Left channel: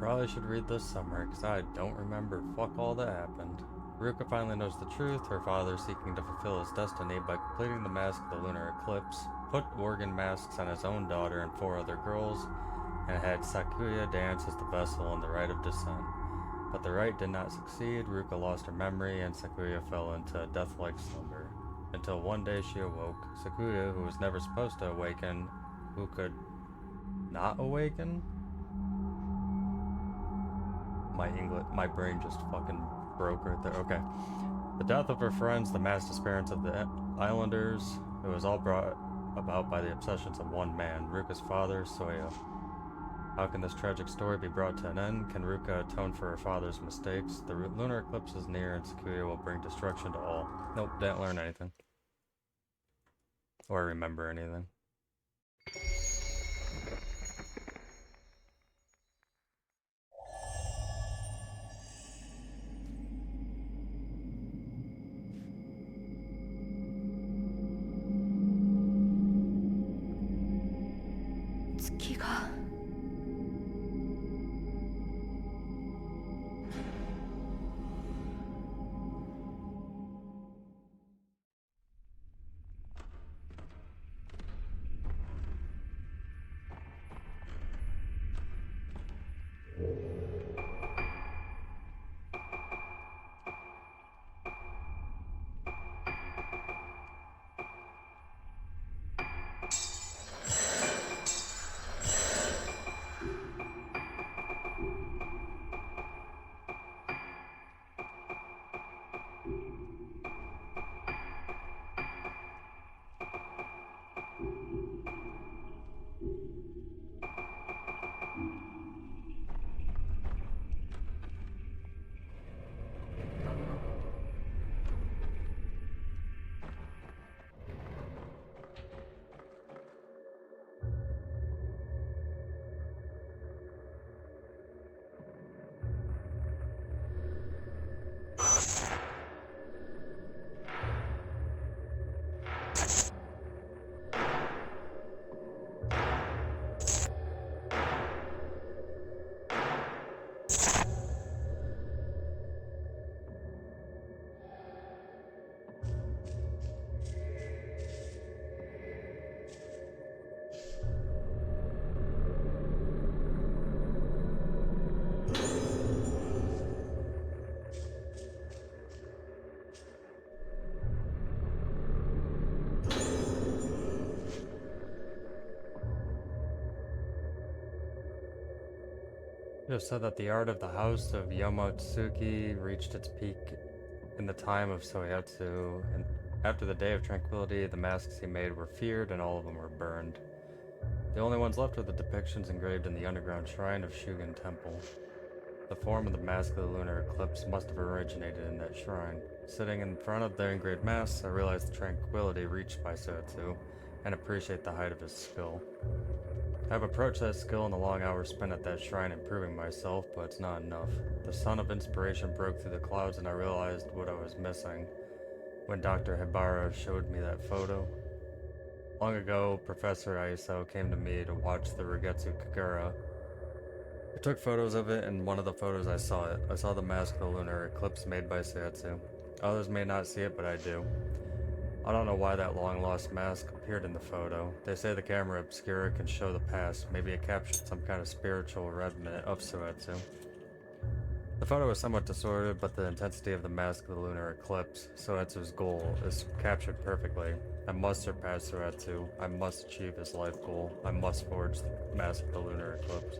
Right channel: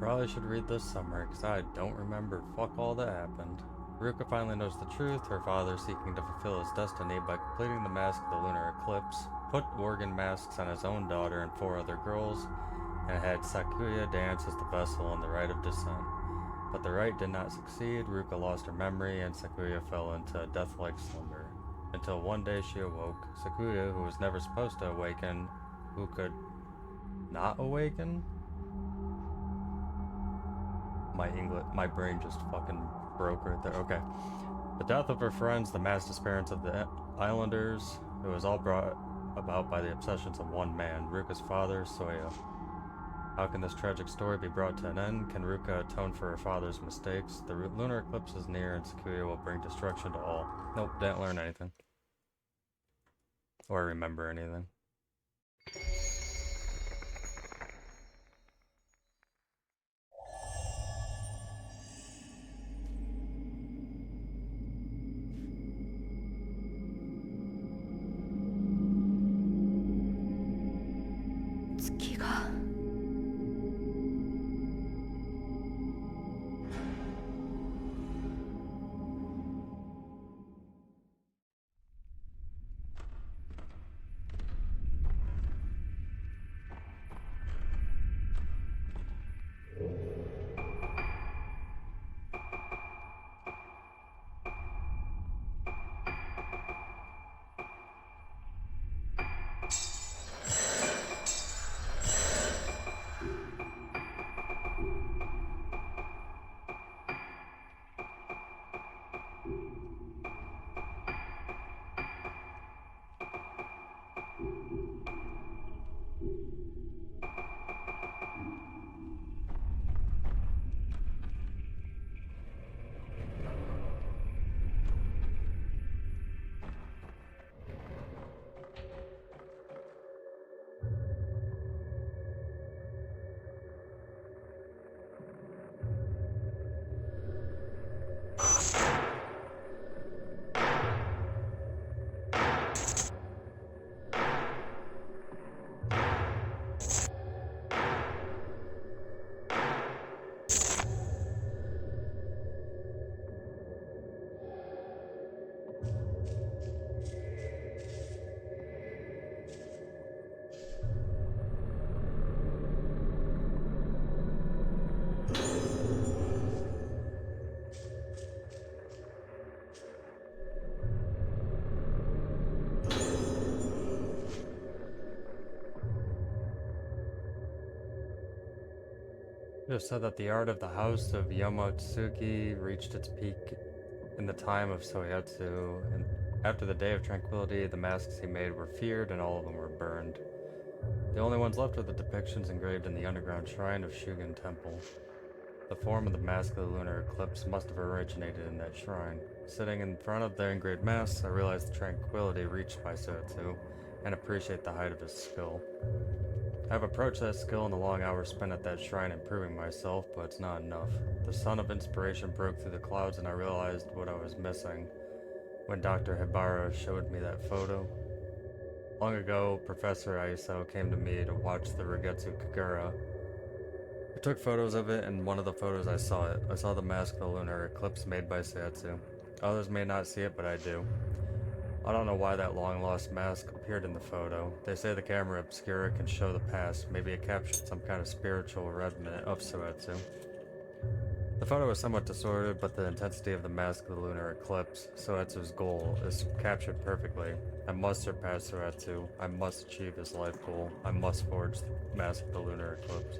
Probably should read this summary, because I don't remember fuck all that happened. Ruka finally knows the truth, her father seeking to fulfill his destiny by completing the mask of the Lunar Eclipse, put organ masks on his own daughter and four other girls, and had Sakuya dance as the vessel in the rite of descent. But the rite did not succeed, Ruka lost her memory, and Sakuya fell into a death-like slumber. Until one day she awoke. Sakuya, who was never supposed to awaken, who could not awaken? My brain just fucking broke right there. Okay. The death of her friends, the mass disappearance of the islanders, it was all brought about by the obsessions of one man, Ruka's father, Soya. How can this tragic story be brought to an end? Can Ruka atone for her father's mistakes? The lunar eclipse is near and Sakuya will bring destruction to all. Nope, didn't learn anything. Or remember anything. You have said that the art of the House of Yamotsuki reached its peak in the time of Soyatsu, and after the Day of Tranquility, the masks he made were feared and all of them were burned. The only ones left were the depictions engraved in the underground shrine of Shugen Temple. The form of the mask of the lunar eclipse must have originated in that shrine. Sitting in front of the engraved masks, I realized the tranquility reached by Soyatsu, and appreciate the height of his skill. I've approached that skill in the long hours spent at that shrine improving myself, but it's not enough. The sun of inspiration broke through the clouds and I realized what I was missing when Dr. Hibara showed me that photo. Long ago, Professor Aiso came to me to watch the Rogetsu Kagura. I took photos of it, and in one of the photos I saw it. I saw the mask of the lunar eclipse made by Sayatsu. Others may not see it, but I do. I don't know why that long-lost mask appeared in the photo. They say the camera obscura can show the past. Maybe it captured some kind of spiritual remnant of Soetsu. The photo is somewhat distorted, but the intensity of the mask of the lunar eclipse, Soetsu's goal, is captured perfectly. I must surpass Soetsu. I must achieve his life goal. I must forge the mask of the lunar eclipse.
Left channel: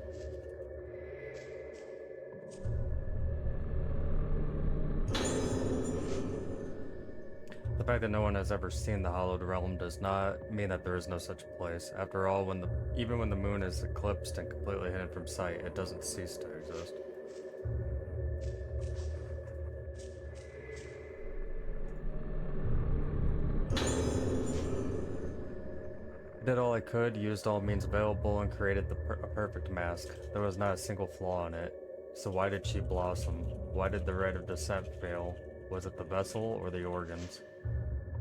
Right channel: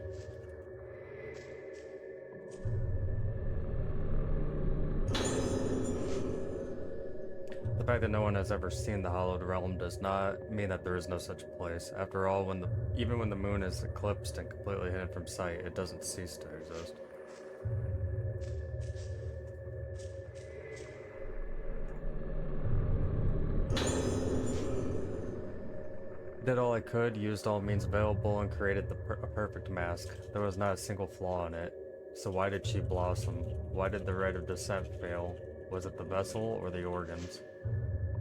The fact that no one has ever seen the Hallowed Realm does not mean that there is no such place. After all, even when the moon is eclipsed and completely hidden from sight, it doesn't cease to exist. I did all I could, used all means available, and created a perfect mask. There was not a single flaw in it. So why did she blossom? Why did the rite of descent fail? Was it the vessel or the organs?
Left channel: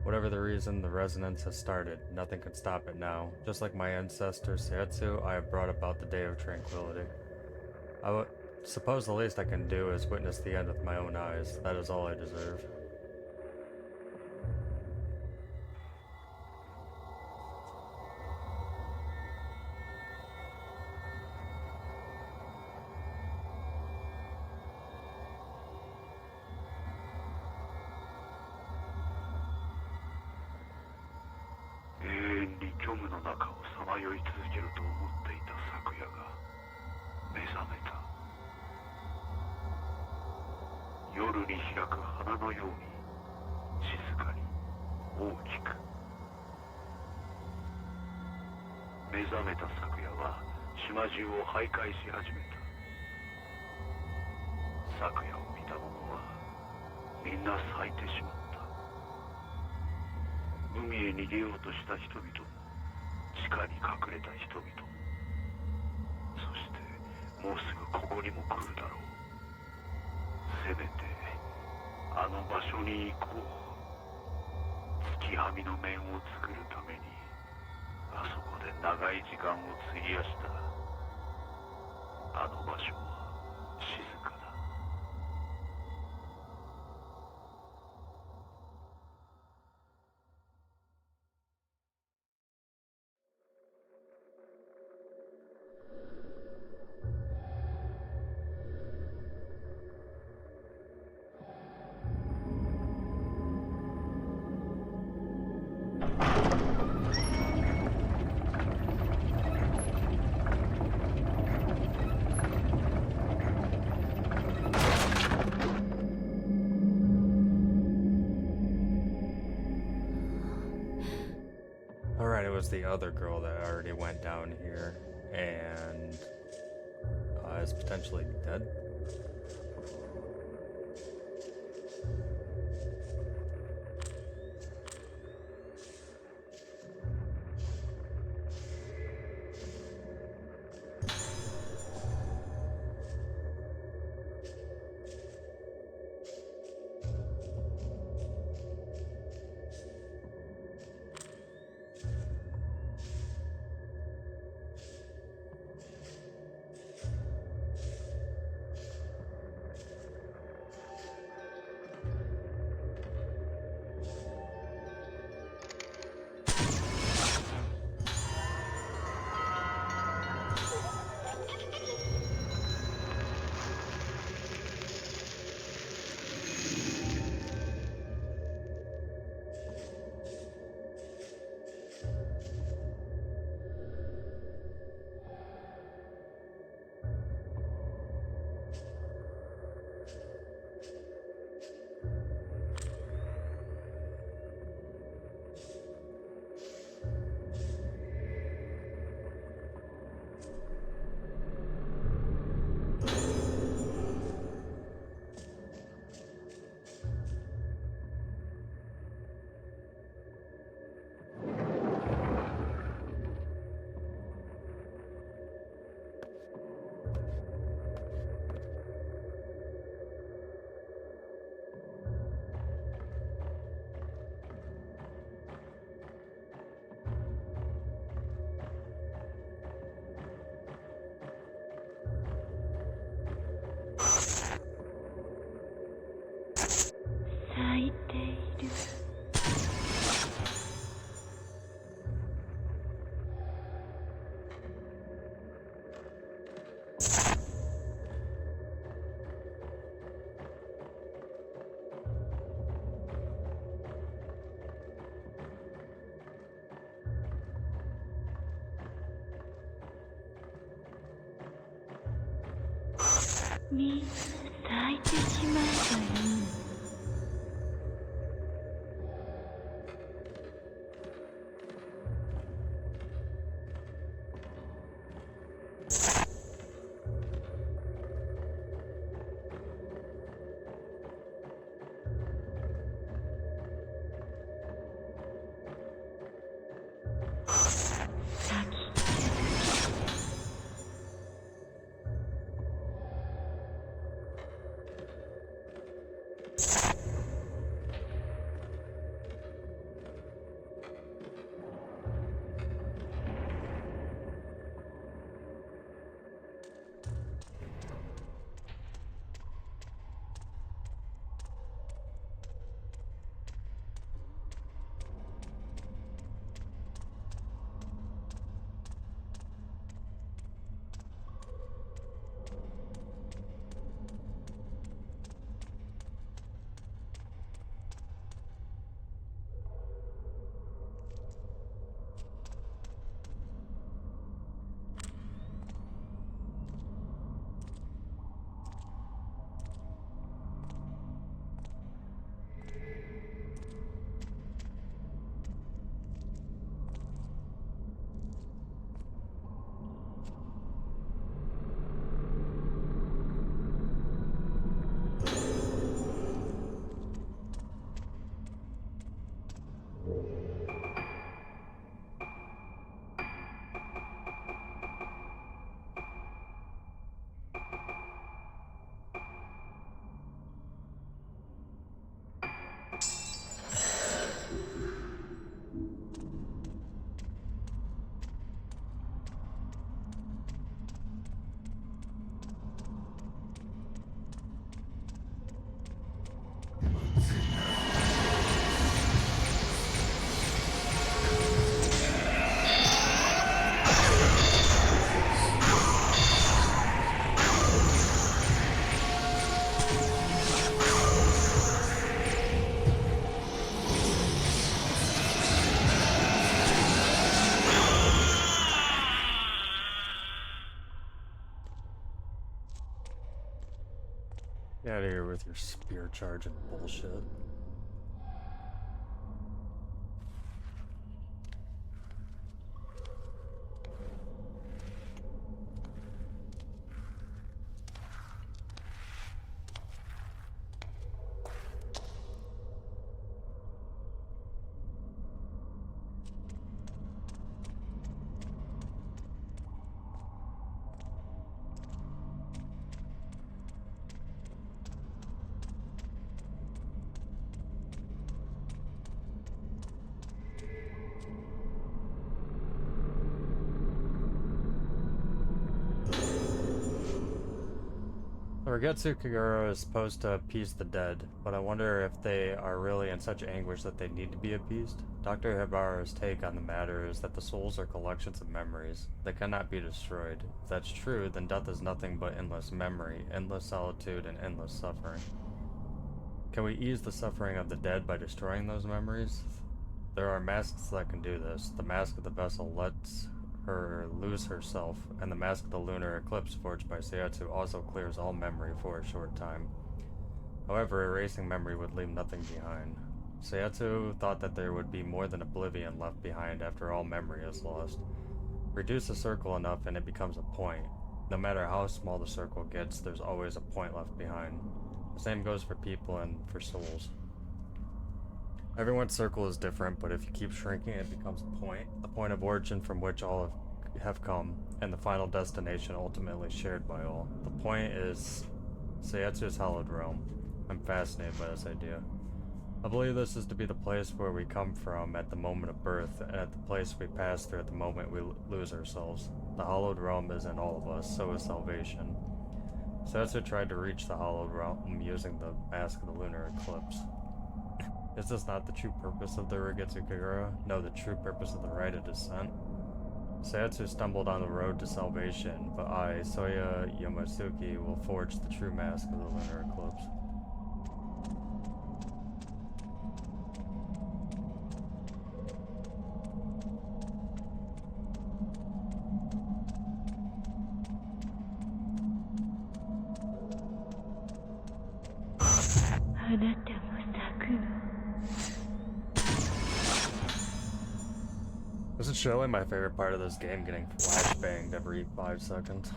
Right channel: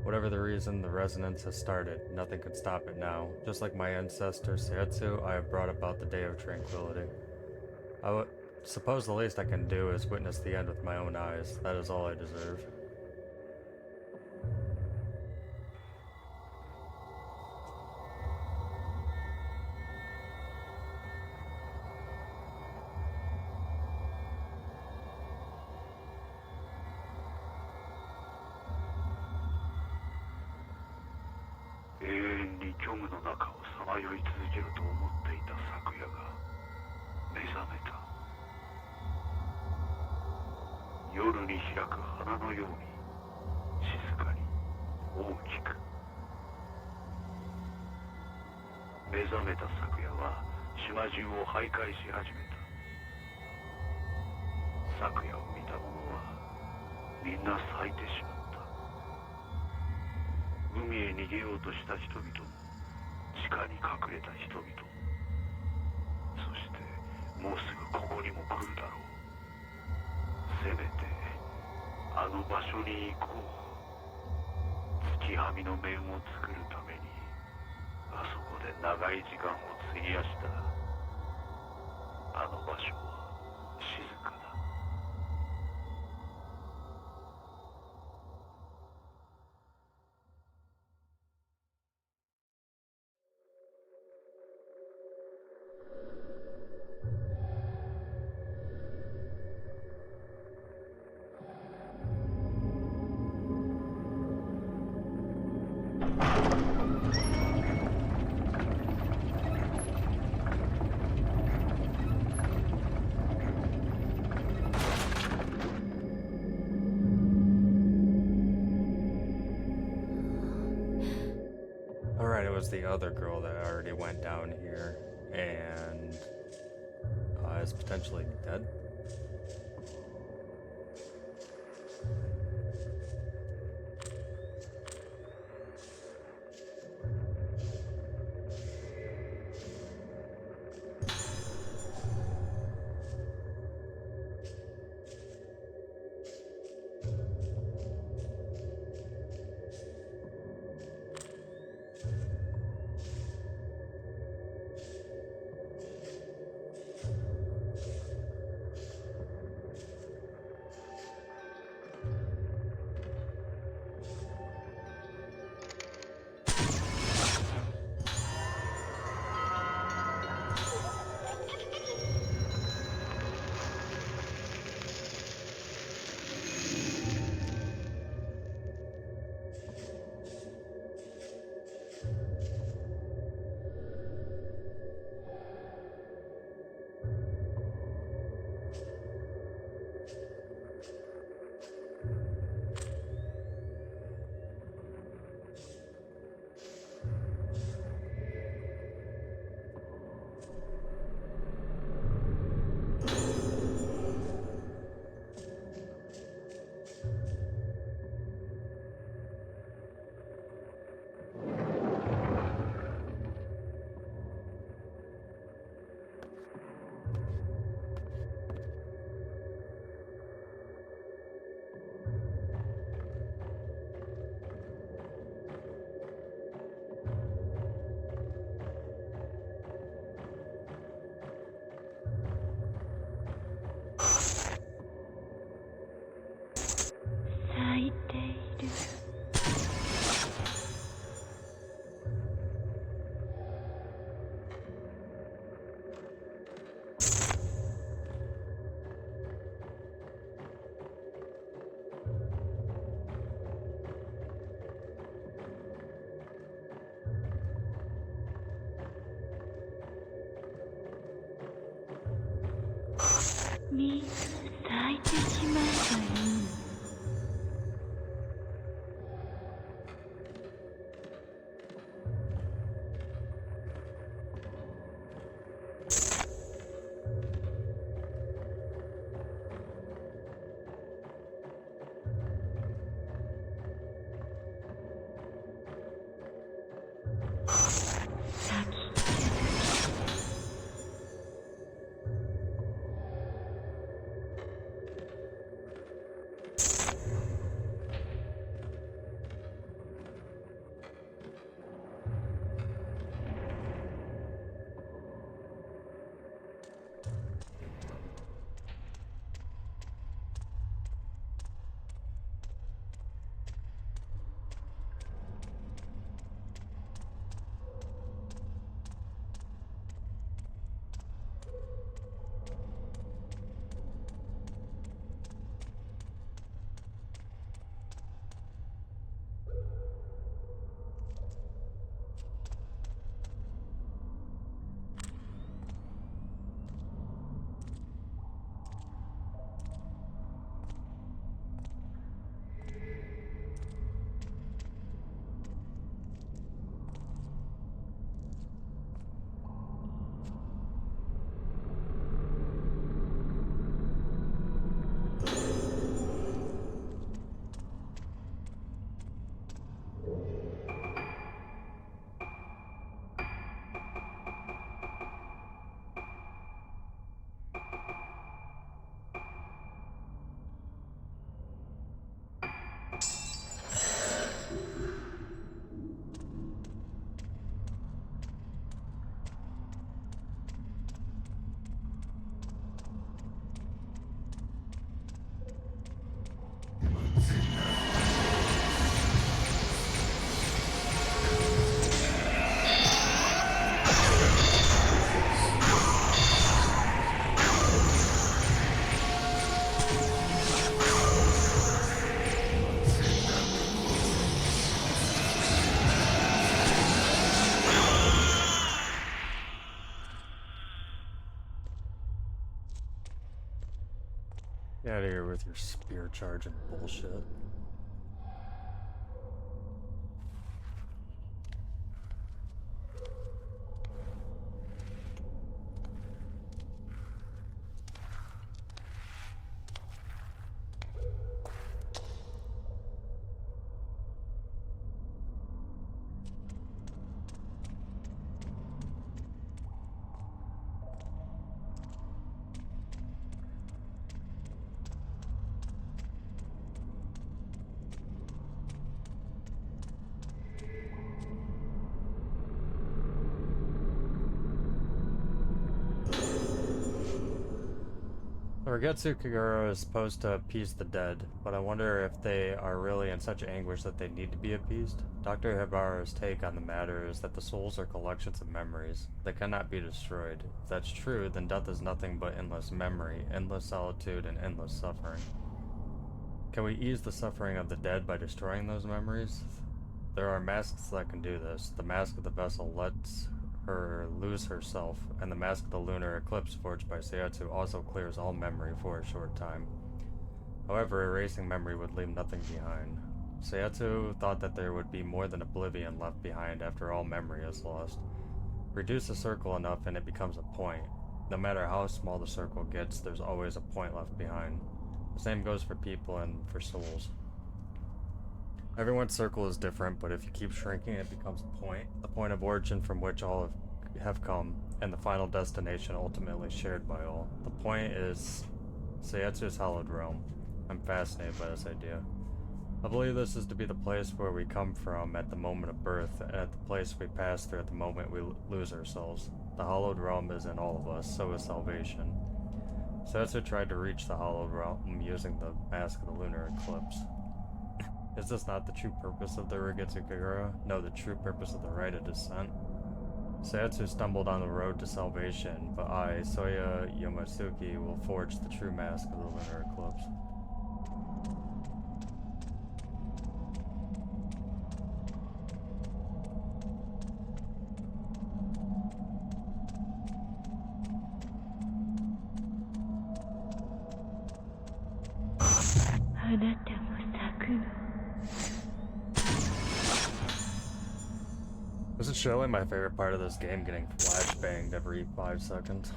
Whatever the reason, the resonance has started. Nothing can stop it now. Just like my ancestor Seitsu, I have brought about the Day of Tranquility. suppose the least I can do is witness the end with my own eyes. That is all I deserve. Alright, it was the other girl that already went down here and is potentially dead.みんな咲いてしまえばいい。out of here with your spear charge and bullshit. Rogetsu Kagura is supposed to appease the dead, but I wonder if they are really in such anguish that they need to be appeased. Dr. Hibara's take on the matter is that the souls are collections of memories. They cannot be destroyed. If that's true, then death is nothing but endless memory, endless solitude, and endless suffering. Can we ease the suffering of the dead by destroying those memories? There are masks that can do this. The mask of the vessel lets her lose herself, and the mask of the Lunar Eclipse forged by Sayatsu also clears all memory for a short time. However, erasing memory would leave nothing behind. Sayatsu thought that there would be more than oblivion left behind after all memory is lost. Reduce a circle enough and it becomes a point. No matter how small the circle gets, there's always a point left behind. The same goes for people and for souls. Everyone's circle is different, but if you keep shrinking, it becomes a point, the point of origin from which all have come, and the final destination ultimately shared by all. The point is Sayatsu's hallowed realm. I'm fascinated by this idea. I believe this is to be the place where we come from at the moment of birth, and at the place we pass through at the moment we lose ourselves. The hallowed realm is in all of us, so is salvation. Sayatsu tried to reach the hallowed realm using the mask of the Lunar Eclipse. Is this not the true purpose of the Rogetsu Kagura? No, the true purpose of the rite of descent? Sayatsu stumbled on the road to salvation, but I, Soya Yamasuki, will forge the true mask of the Lunar Eclipse. This is surely my favorite part of this game, getting flashbanged every 5 seconds.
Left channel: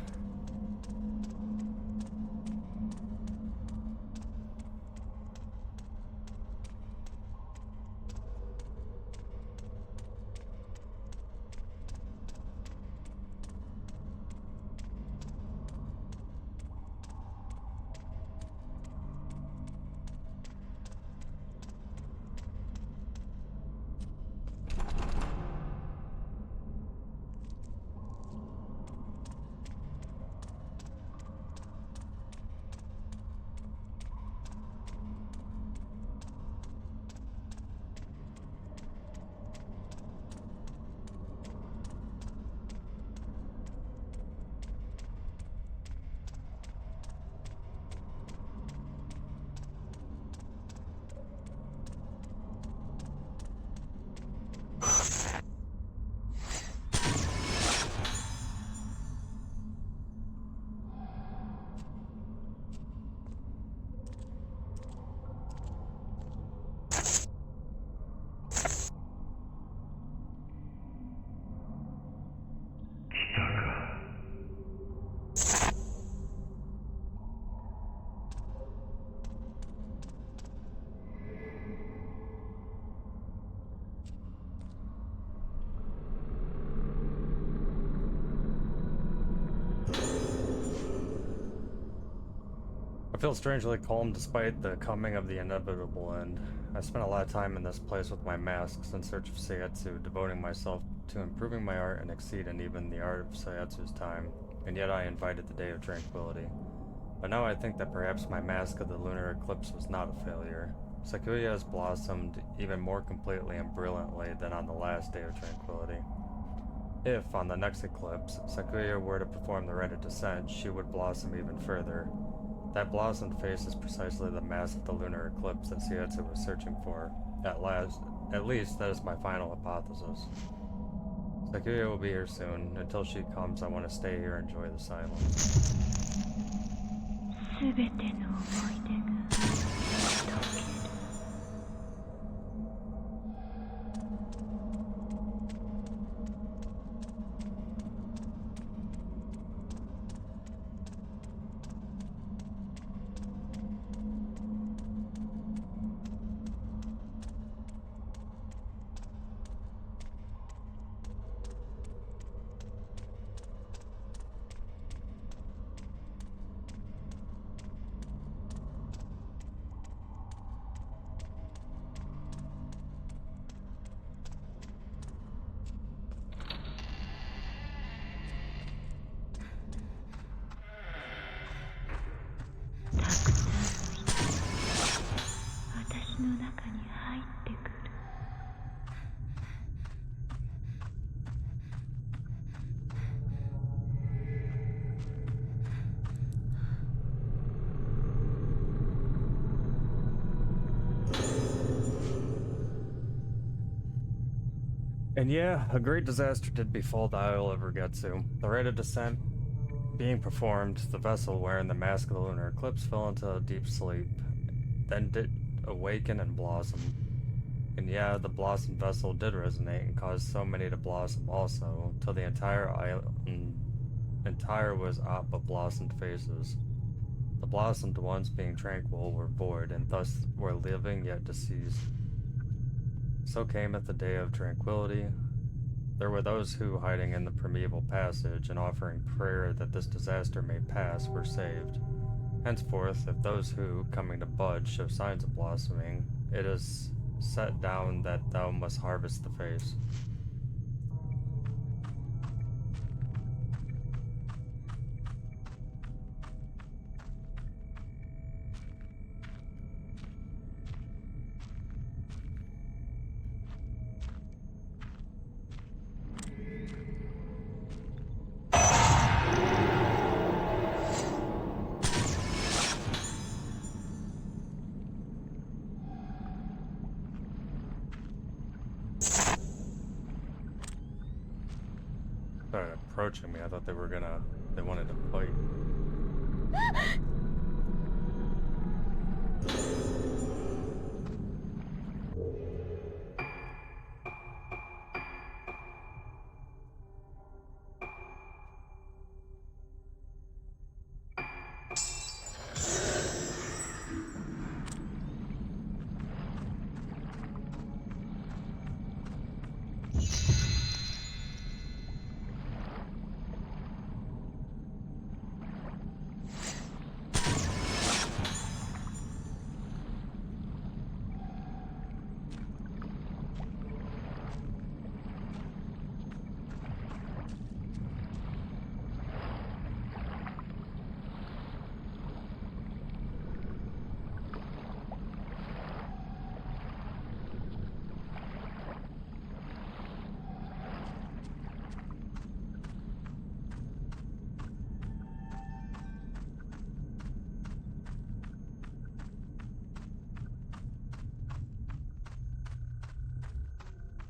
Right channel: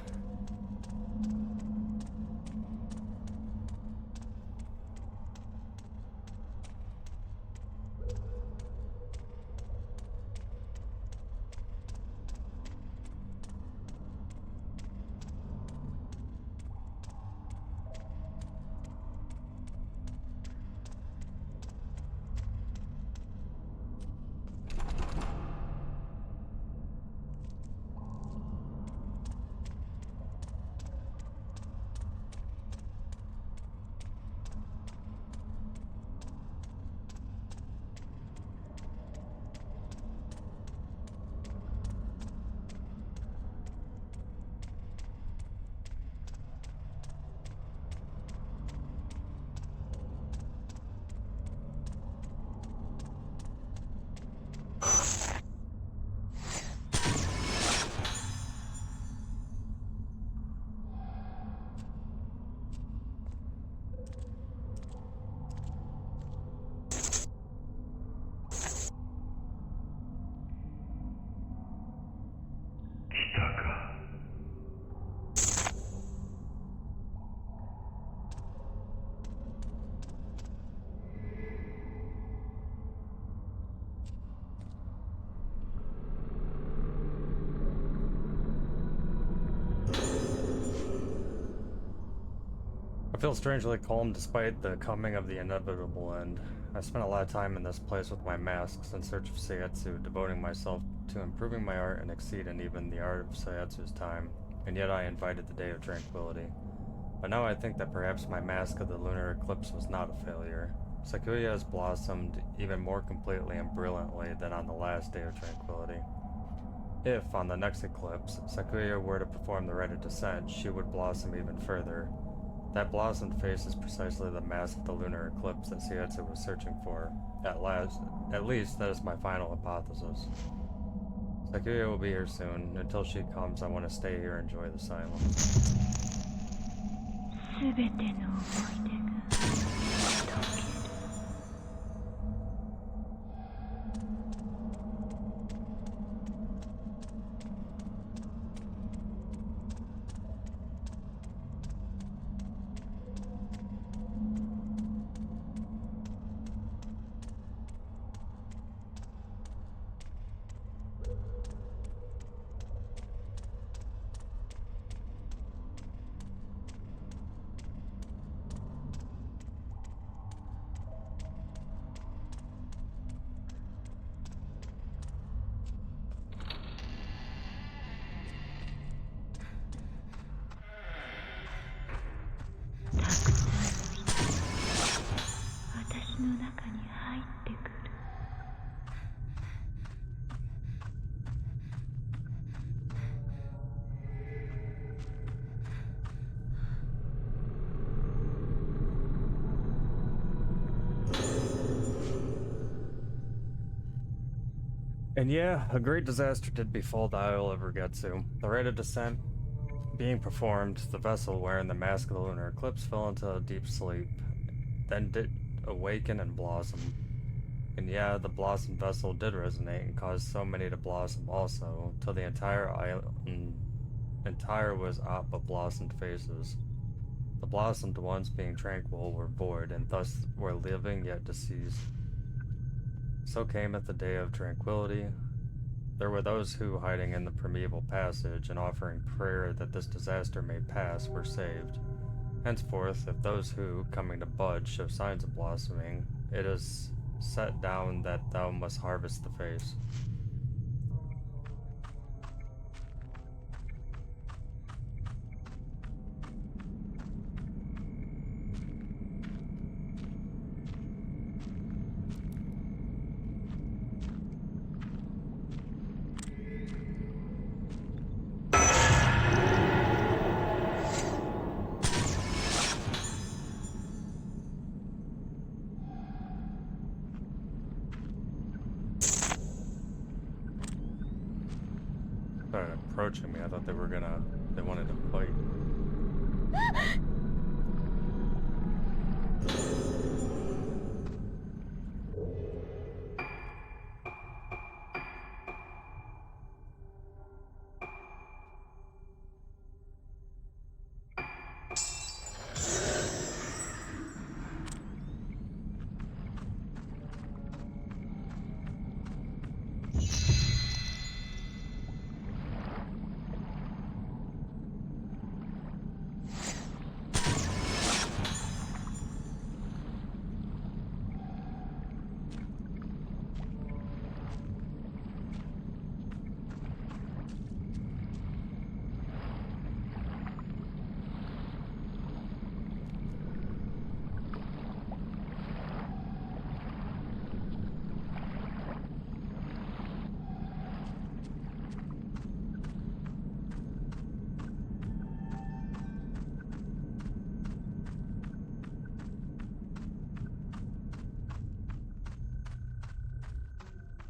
I feel strangely calm despite the coming of the inevitable end. I spent a lot of time in this place with my masks in search of Sayatsu, devoting myself to improving my art and exceeding even the art of Sayatsu's time, and yet I invited the day of tranquility. But now I think that perhaps my mask of the Lunar Eclipse was not a failure. Sakuya has blossomed even more completely and brilliantly than on the last day of tranquility. If, on the next eclipse, Sakuya were to perform the rite of descent, she would blossom even further. That blossomed face is precisely the mask of the Lunar Eclipse that Sayatsu was searching for. At least, that is my final hypothesis. Sakuya will be here soon. Until she comes, I want to stay here and enjoy the silence. すべての思い出が溶ける。たくさんの人が私の中に入ってくる。And yeah, a great disaster did befall the Isle of Rogetsu. The rite of descent being performed, the vessel wearing the mask of the Lunar Eclipse fell into a deep sleep, then did awaken and blossom. And yeah, the blossomed vessel did resonate and cause so many to blossom also, till the entire island was aught but blossomed faces. The blossomed ones, being tranquil, were void, and thus were living yet deceased. So cameth the day of tranquility. There were those who, hiding in the primeval passage and offering prayer that this disaster may pass, were saved. Henceforth, if those who, coming to bud, show signs of blossoming, it is set down that thou must harvest the face. Started approaching me. I thought they wanted to fight.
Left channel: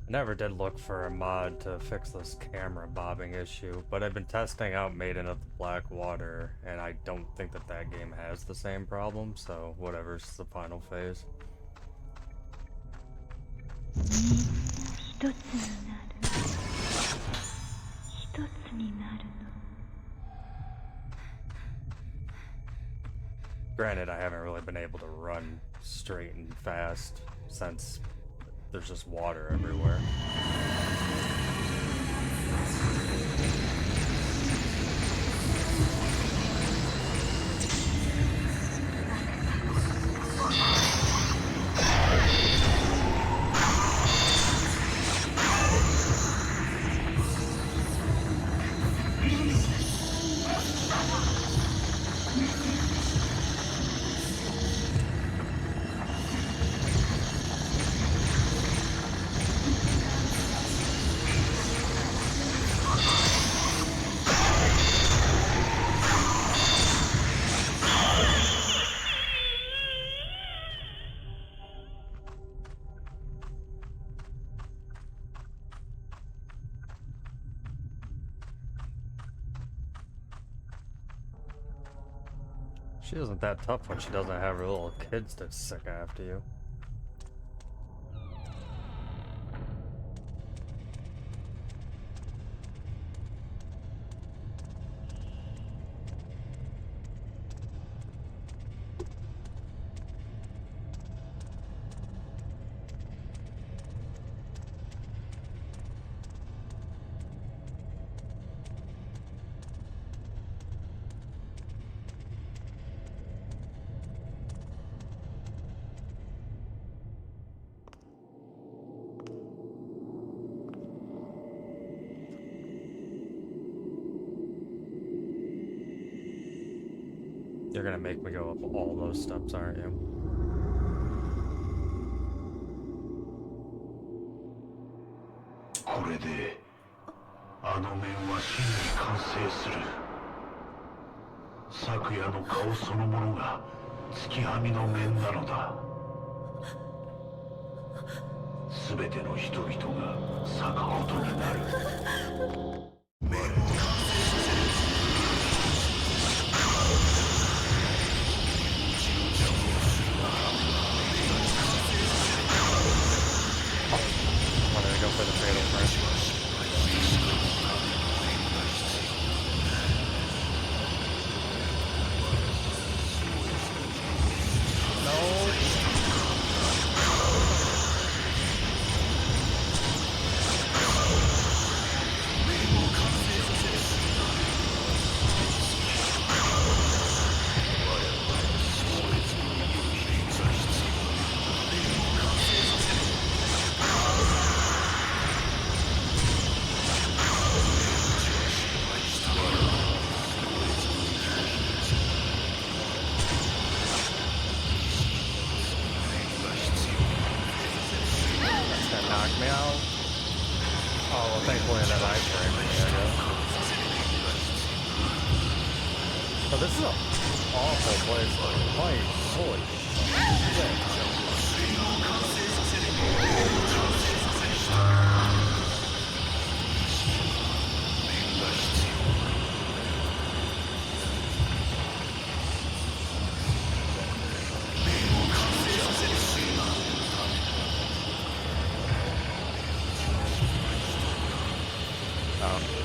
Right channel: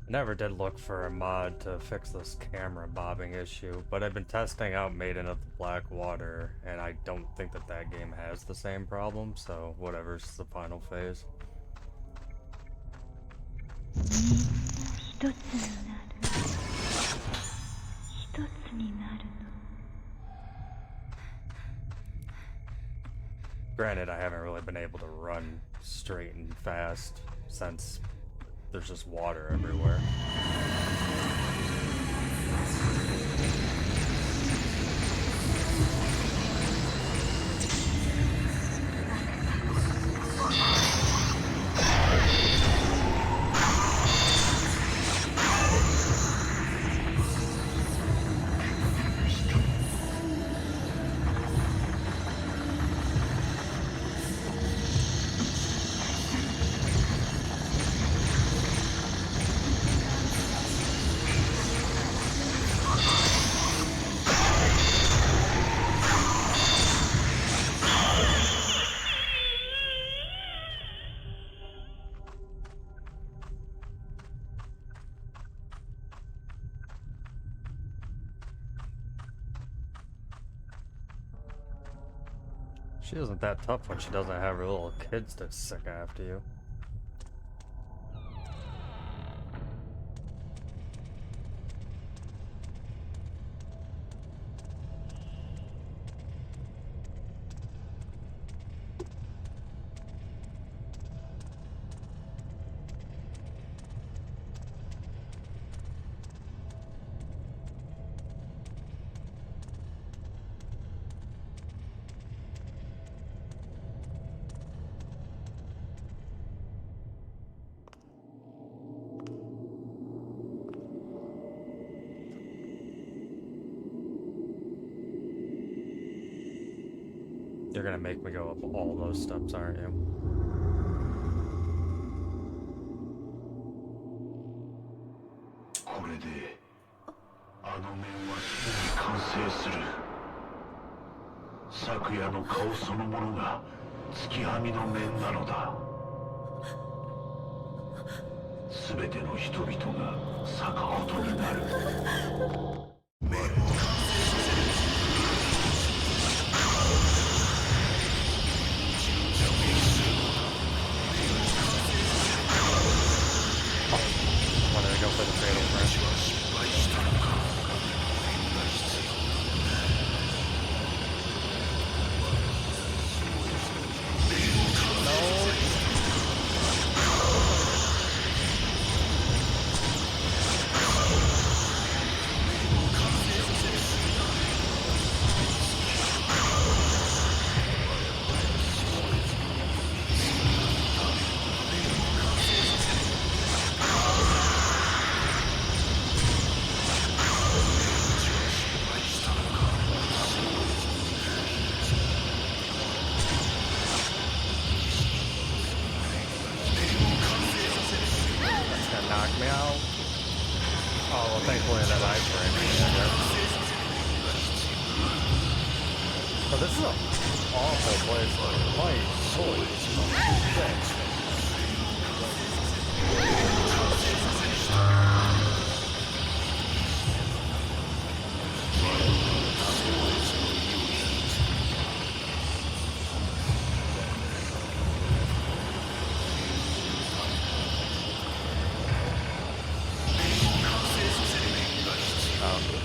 Never did look for a mod to fix this camera bobbing issue, but I've been testing out Maiden of the Black Water, and I don't think that game has the same problem, so whatever's the final phase. みんな一つになる。一つになるの。 Granted, I haven't really been able to run straight and fast since there's just water everywhere. She isn't that tough when she doesn't have her little kids to sick after you. You're gonna make me go up all those steps, aren't you? Wanted to go for the fatal print. Knock me out. Oh, well, thankfully that iframe me, I guess. But this is an awful place to fight. Holy shit.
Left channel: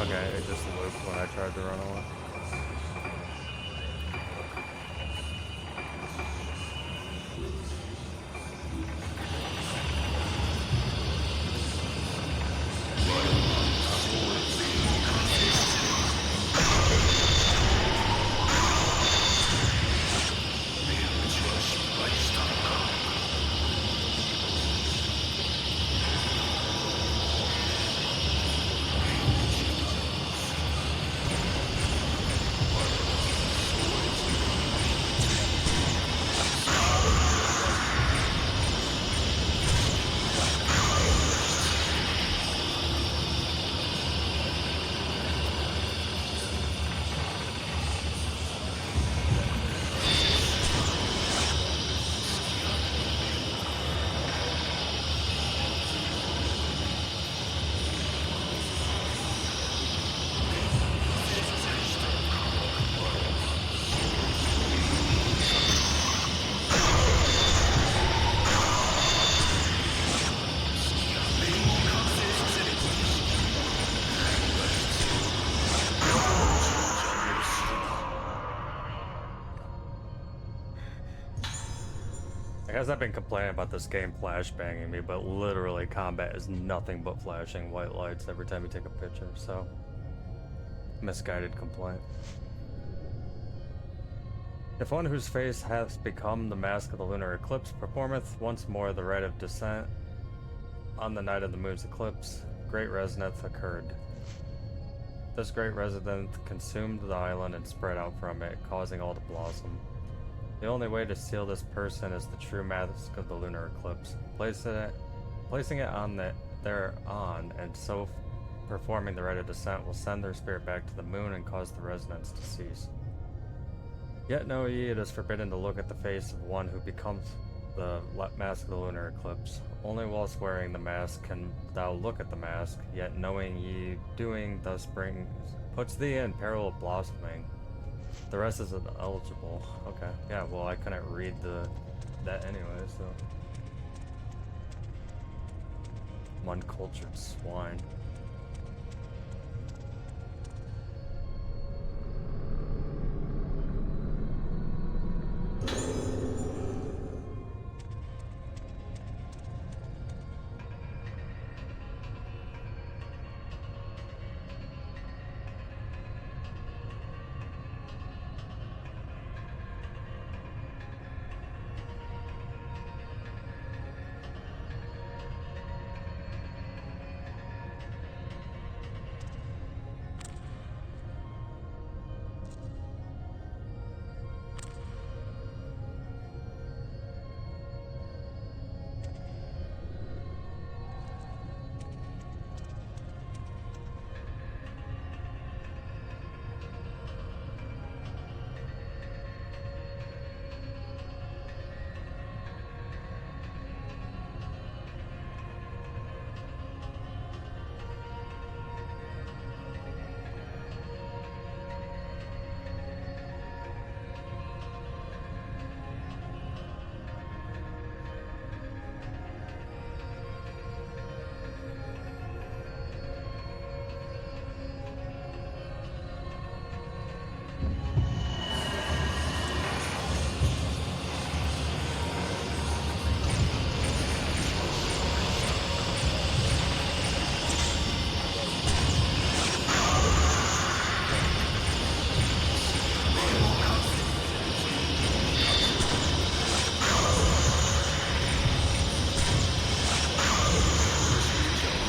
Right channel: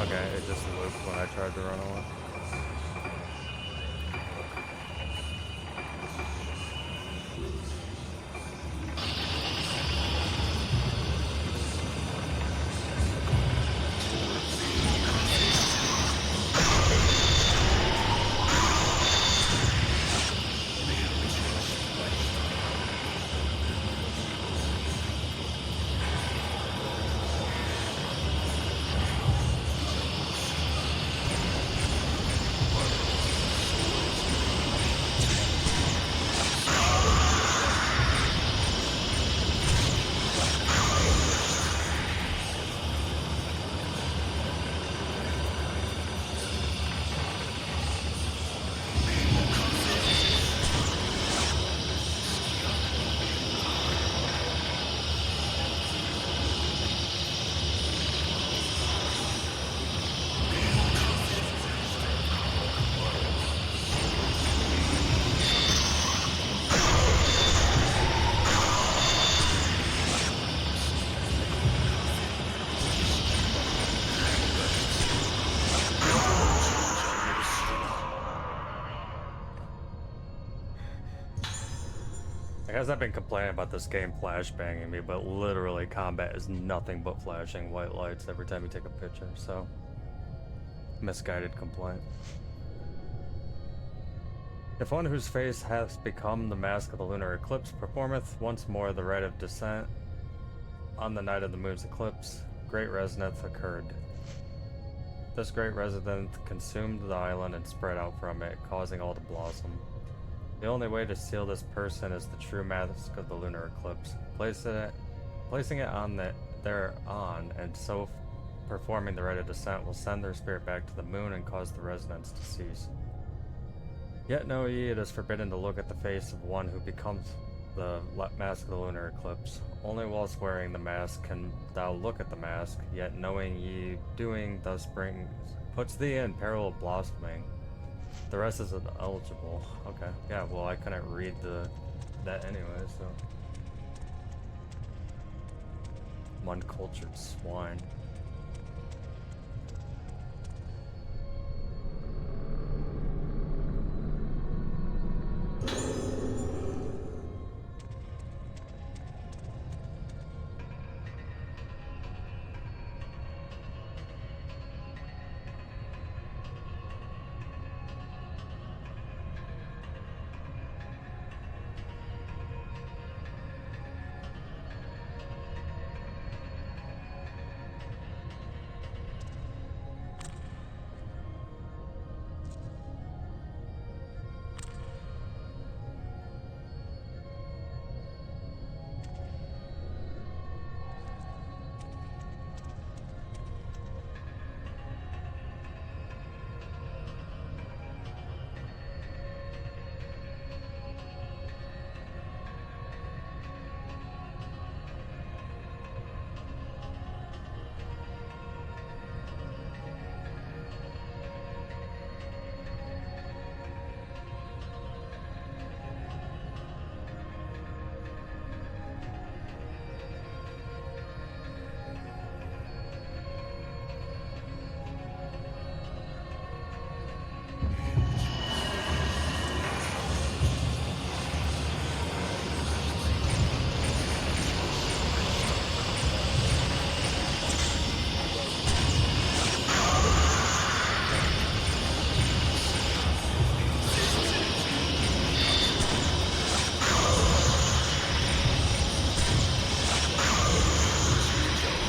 Okay, it just looped when I tried to run away. I guess I've been complaining about this game flashbanging me, but literally combat is nothing but flashing white lights every time you take a picture, so misguided complaint. If one whose face hath become the mask of the lunar eclipse performeth once more the rite of descent on the night of the moon's eclipse, great resonance occurred. This great resonance consumed the island and spread out from it, causing all to blossom. The only way to seal this person is the true mask of the lunar eclipse. Placing it on thereon, and so performing the rite of descent will send their spirit back to the moon and cause the resonance to cease. Yet know ye, it is forbidden to look at the face of one who becomes the mask of the lunar eclipse. Only whilst wearing the mask can thou look at the mask, yet knowing ye doing thus puts thee in peril of blossoming. The rest isn't eligible. Okay. Yeah, well, I couldn't read that anyway, so. I'm uncultured swine.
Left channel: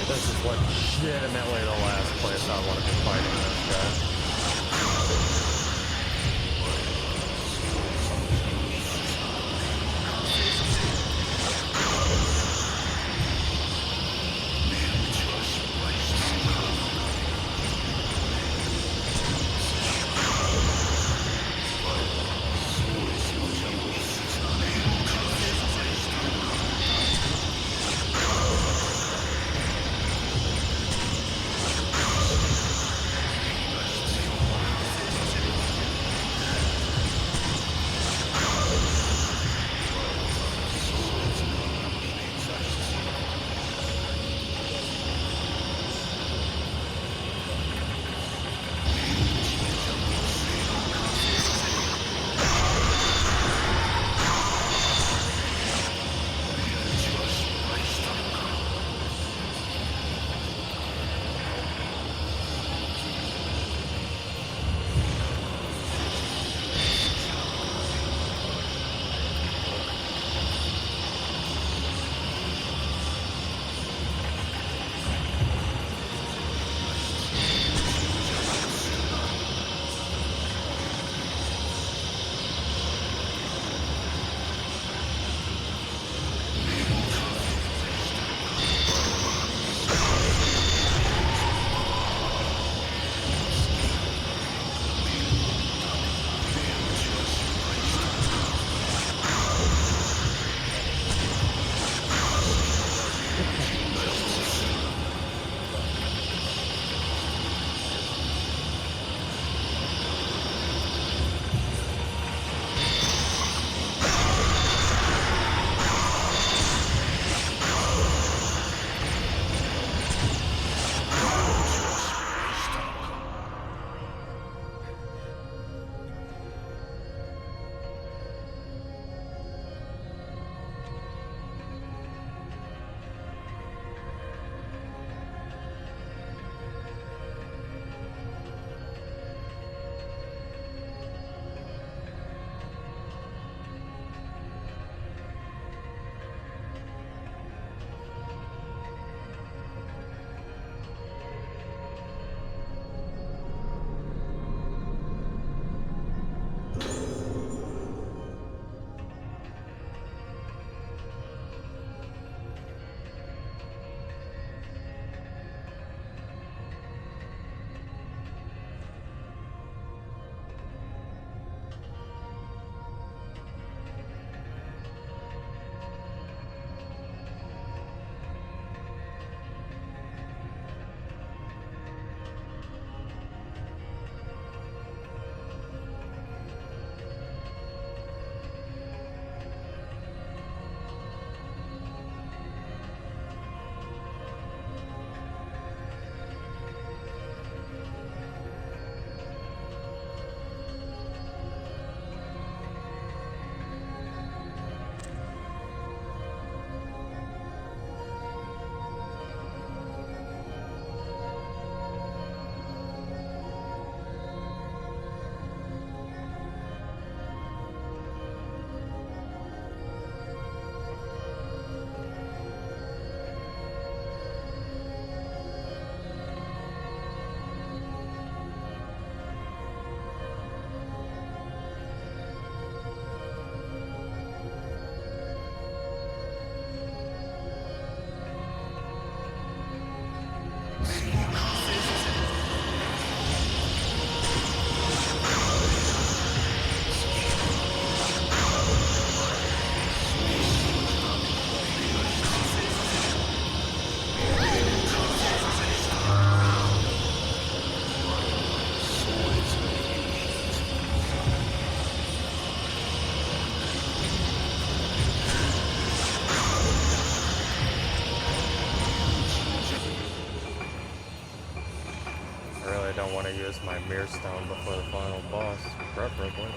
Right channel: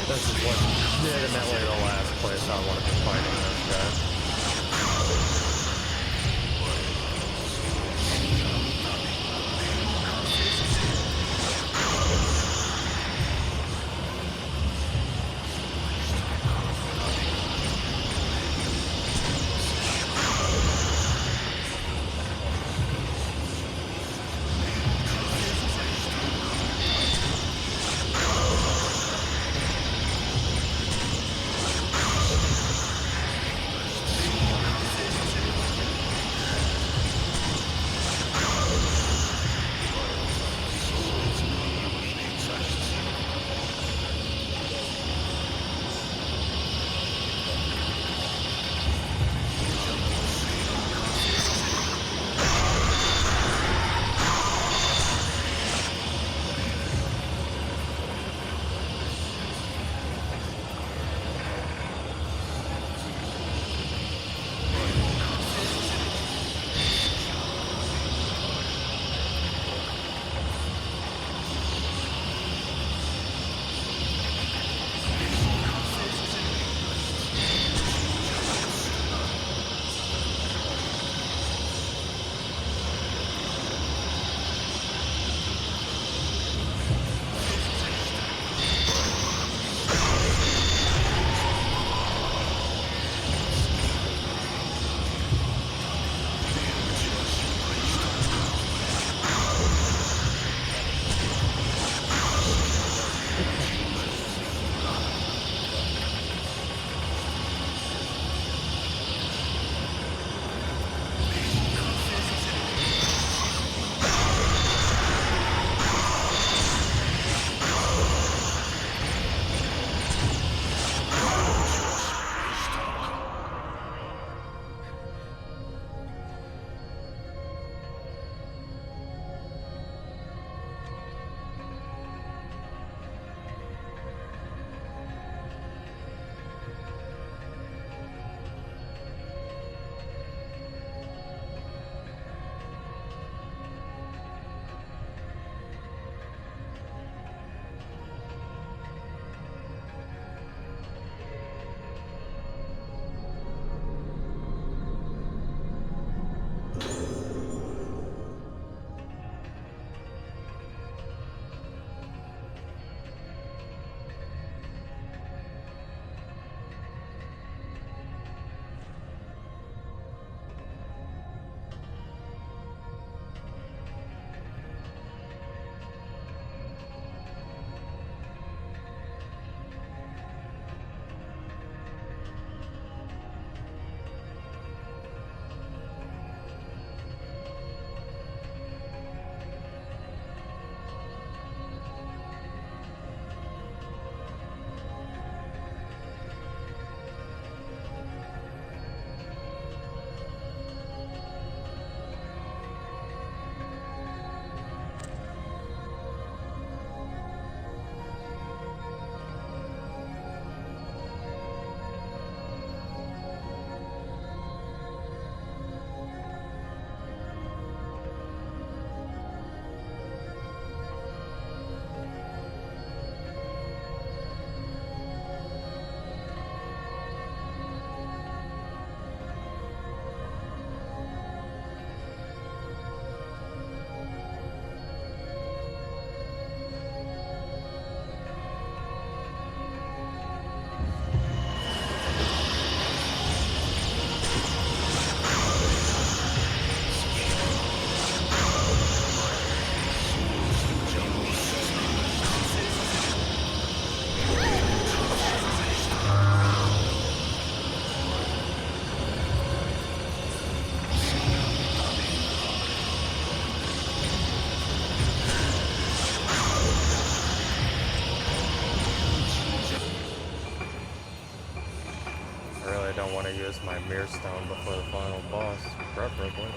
This is legitimately the last place I want to be fighting this guy. use my mirror stone before the final boss, preferably.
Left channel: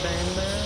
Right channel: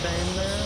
Chain there.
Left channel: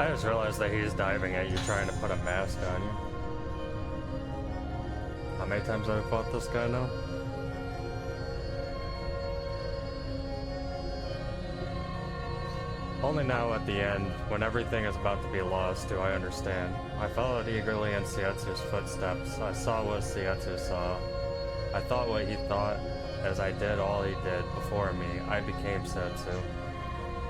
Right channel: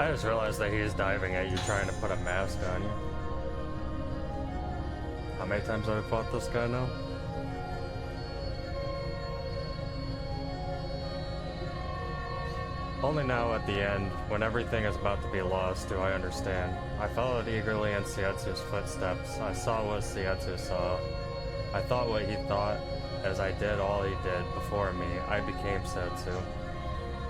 I just realized that he's diving at you, trying to put a mask on you. How many times have I fought this guy now? Only now at the end, when everything is about to be lost, do I understand. I followed eagerly in Seiatsu's footsteps. I saw what Seiatsu saw. I thought what he thought. As I did all he did before me, I became Seiatsu.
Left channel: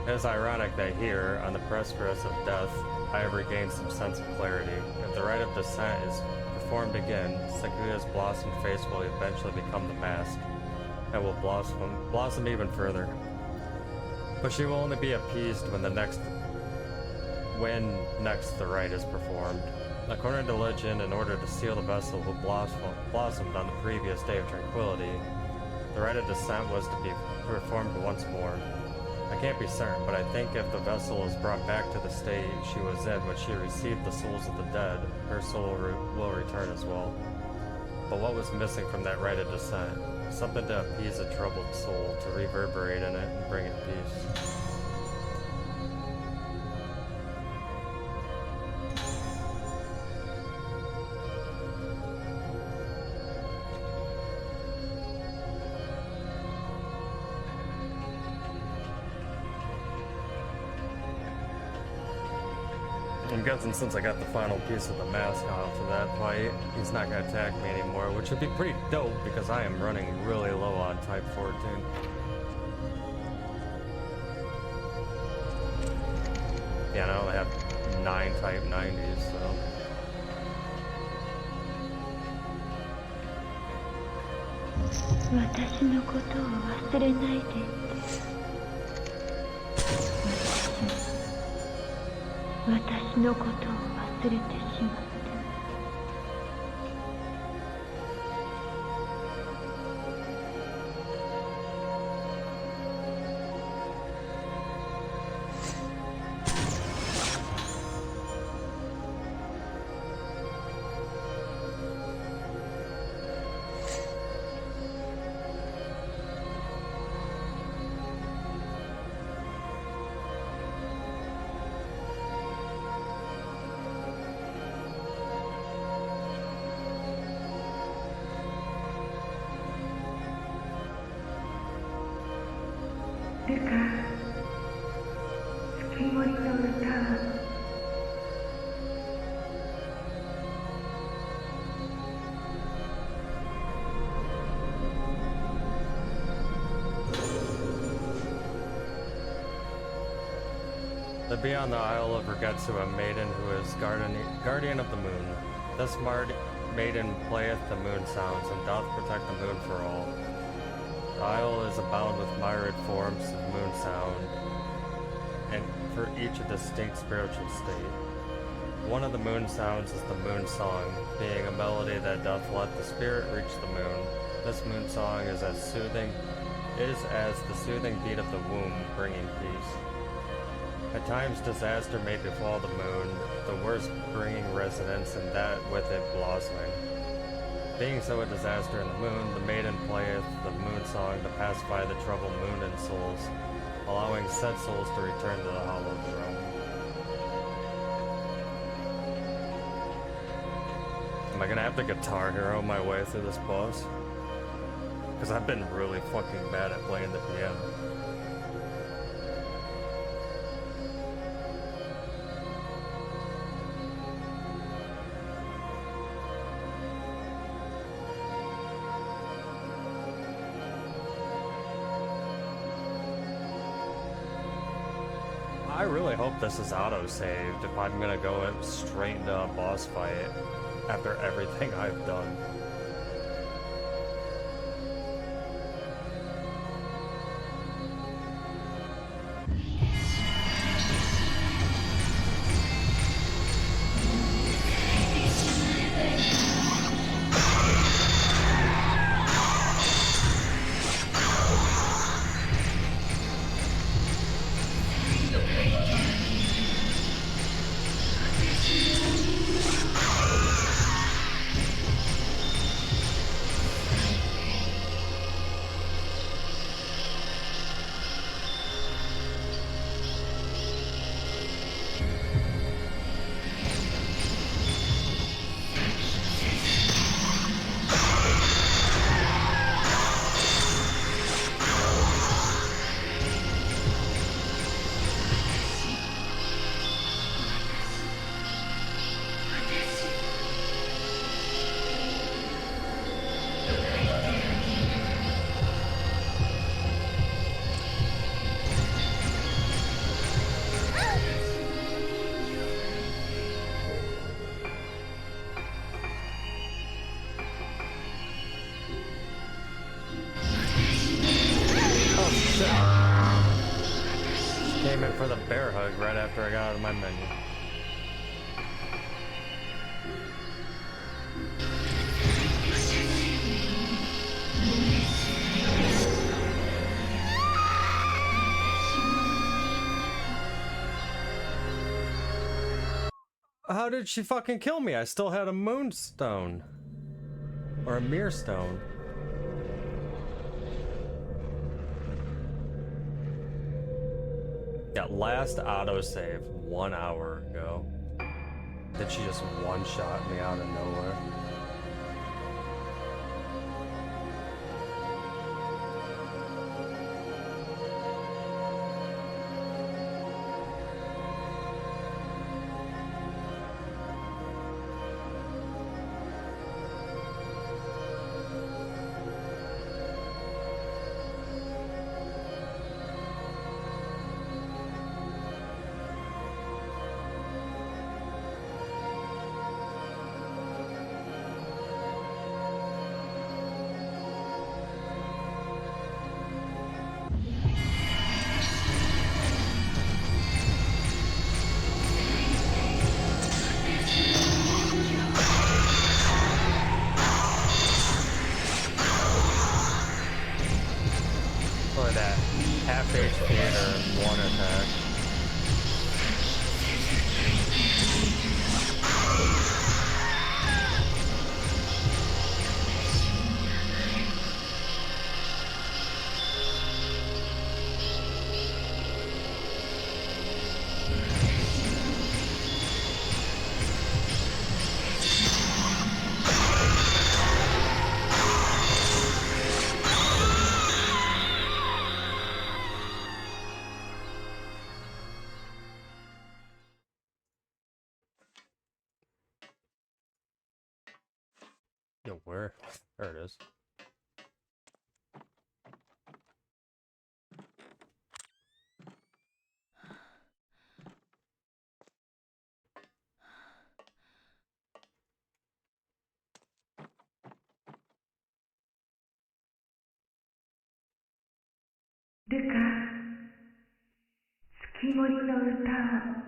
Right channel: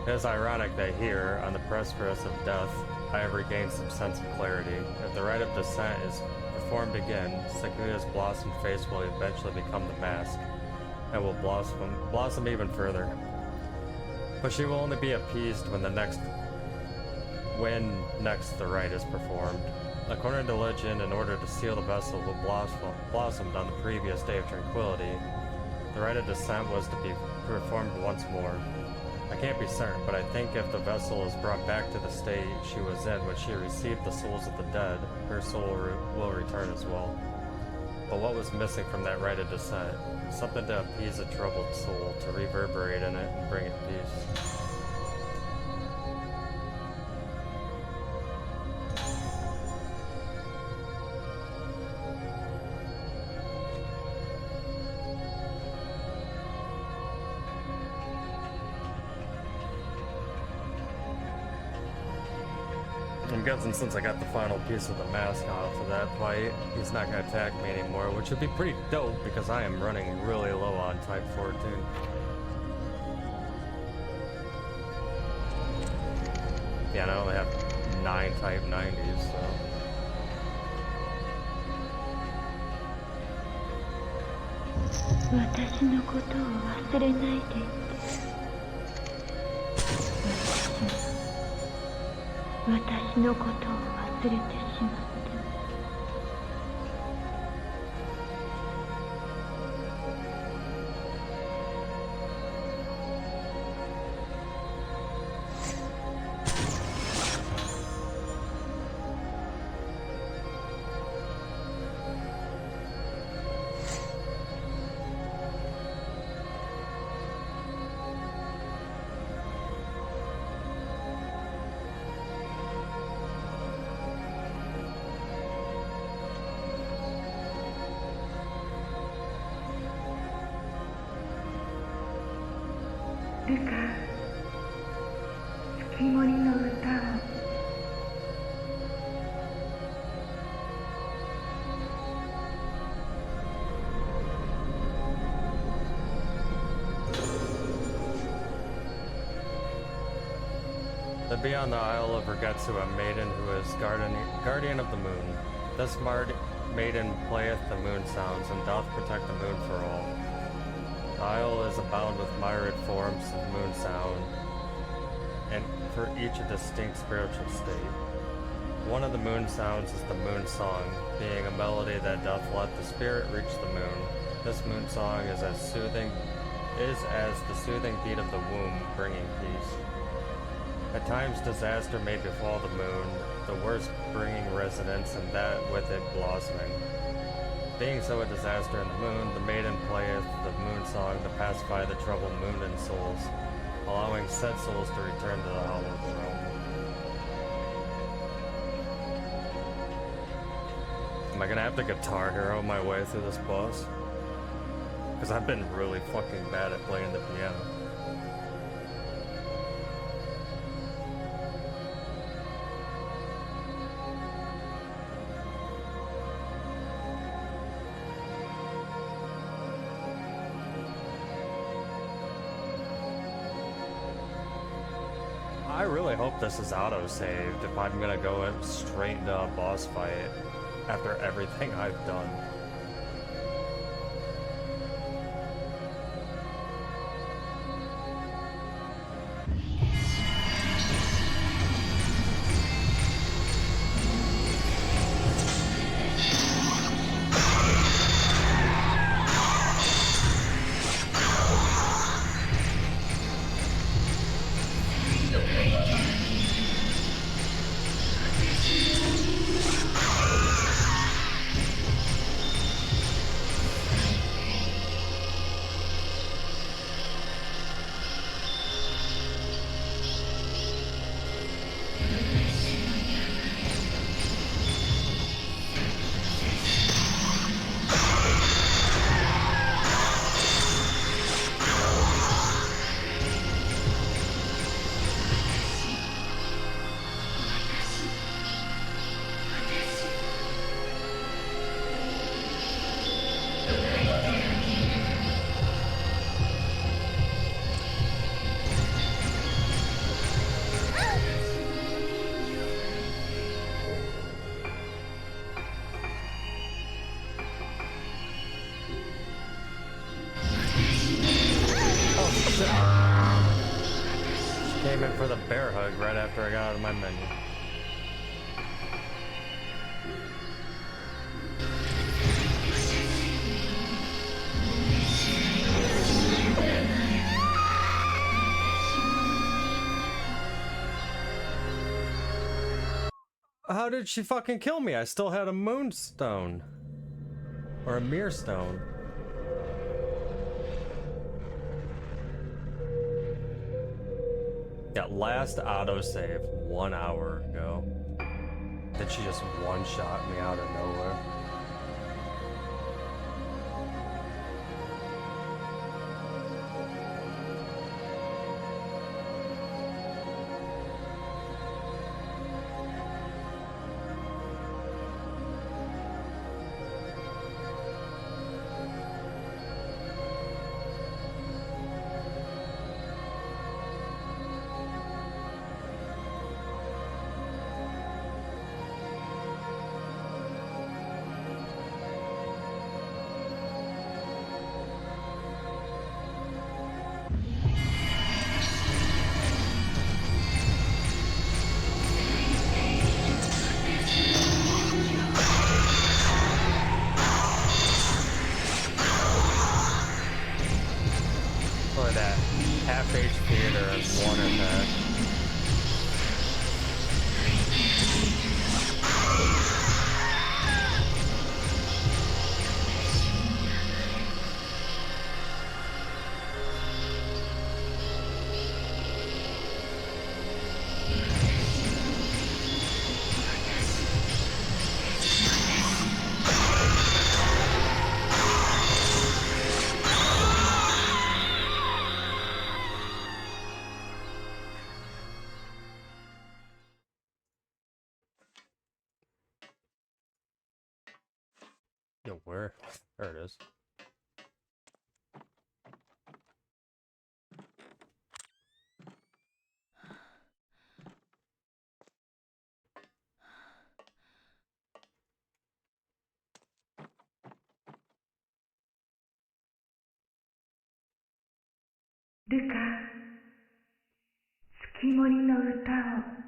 It is ironic that here, on the precipice of death, I have regained some sense of clarity. If the rite of descent is performed again, Sakuya's blossomed face will eventually become the mask, and will blossom even further. But she will only be appeased when next the rite is performed. According to legend, in order to seal the vessel who blossomed on the previous day of tranquility, the rite of descent was to be performed once more. I can't be certain, but I think if the vessel is brought back to the state she was in when she received the souls of the dead, her soul will return as well. But what was missing from that rite of descent? Something to appease a troubled soul, to reverberate in it and bring it peace. I'm guessing since I got the final piece of the mask off of that fight, he's not going to attack me anymore, which would be pretty dope because I am running really low on Type 14. Yeah, and I only have 9 Type 90s, so... There be on the Isle of Rogetsu a maiden who is guardian of the moon. This maiden playeth the moon sounds, and doth protect the moon for all. The isle is abound with myriad forms of moon sound, and for each a distinct spiritual state. One of the moon sounds is the moon song, being a melody that doth let the spirit reach the moon. This moon song is as the soothing beat of the womb, bringing peace. At times disaster may befall the moon, the worst bringing resonance and that with it blossoming. Being so a disaster in the moon, the maiden playeth the moon song to pacify the troubled moon and souls, allowing said souls to return to the hallowed throne. Am I gonna have to Guitar Hero my way through this boss? Because I've been really fucking bad at playing the piano. I really hope this is auto-saved if I'm gonna go straight into a boss fight after everything I've done. Came in for the bear hug right after I got out of my menu. How did she fucking kill me? I still had a moonstone. Or a mirror stone. Yeah, last autosave 1 hour ago. Then she just one-shot me out of nowhere. Or that half HP or one attack. Yo, where? There it is.ルカ、月森の歌を。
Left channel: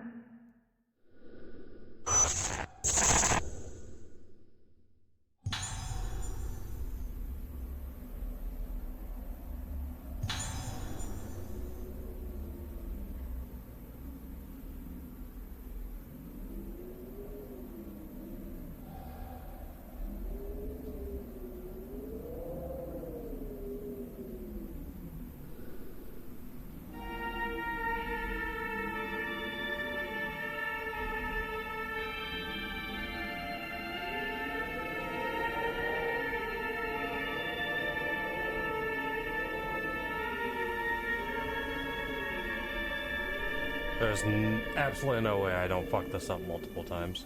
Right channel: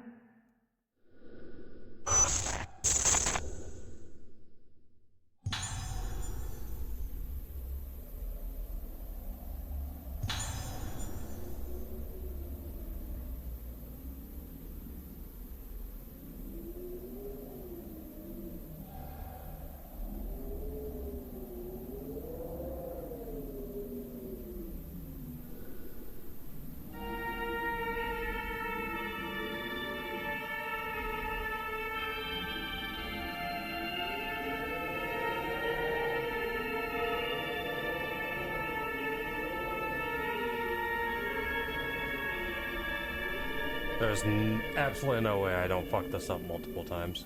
There's absolutely no way I don't fuck this up multiple times.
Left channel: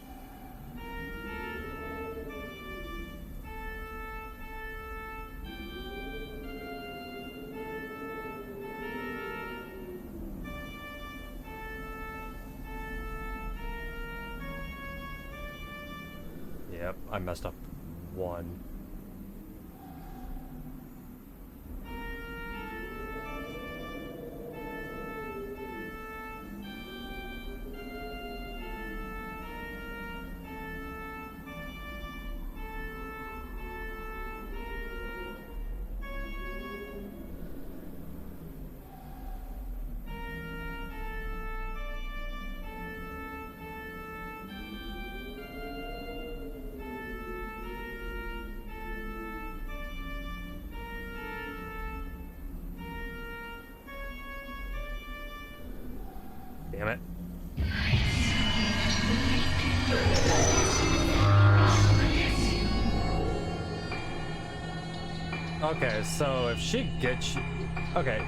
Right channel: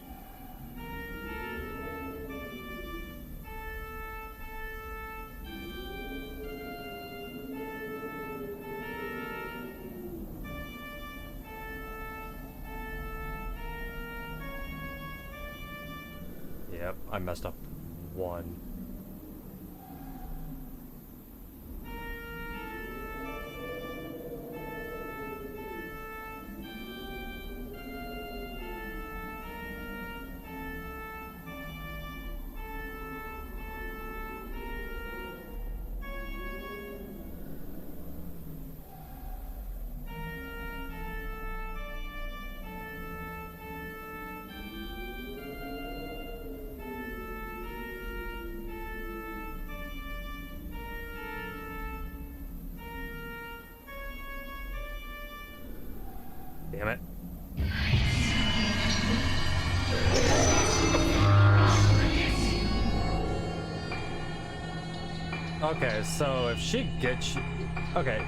Yep, I messed up one. Damn it. Okay, so if she gets you... Okay.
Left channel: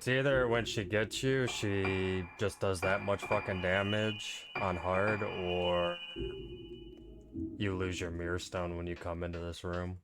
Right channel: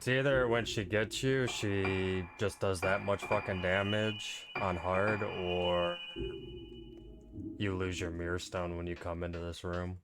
It's either when she gets you, she just does that much fucking damage on hard, or you lose your mirror stone when you come into this room.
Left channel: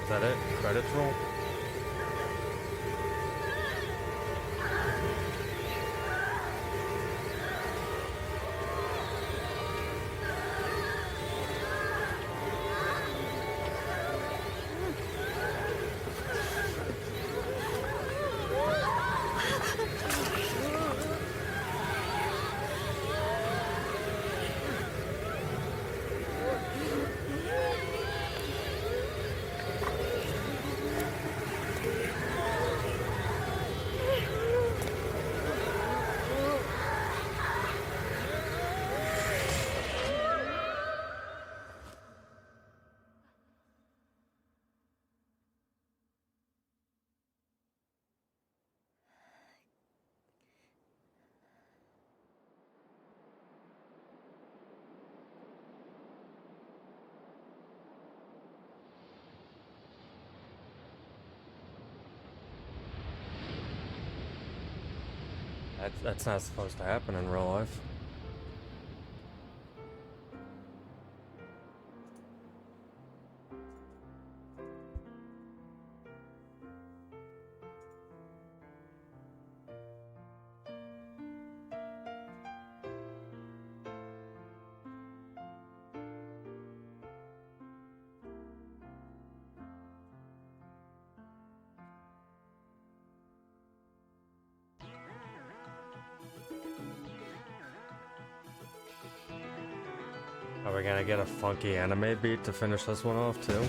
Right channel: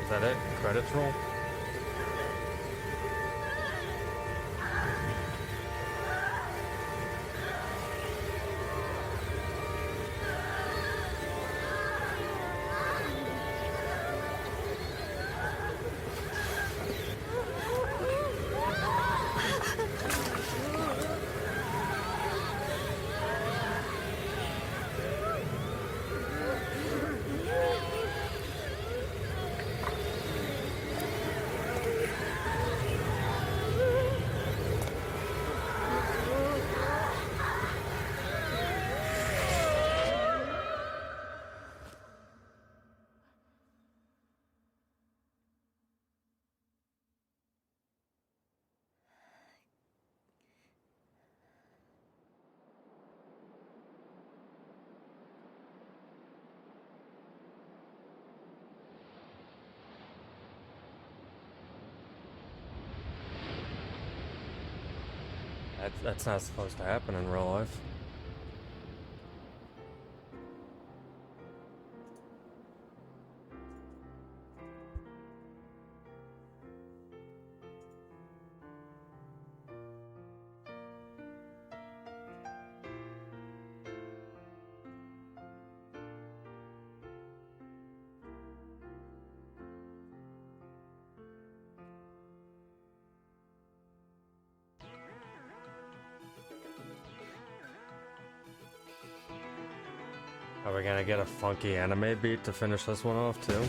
Was that it? Credits roll? That's not supposed to happen in real life. Are we gonna get a funky anime beat to finish this one off too?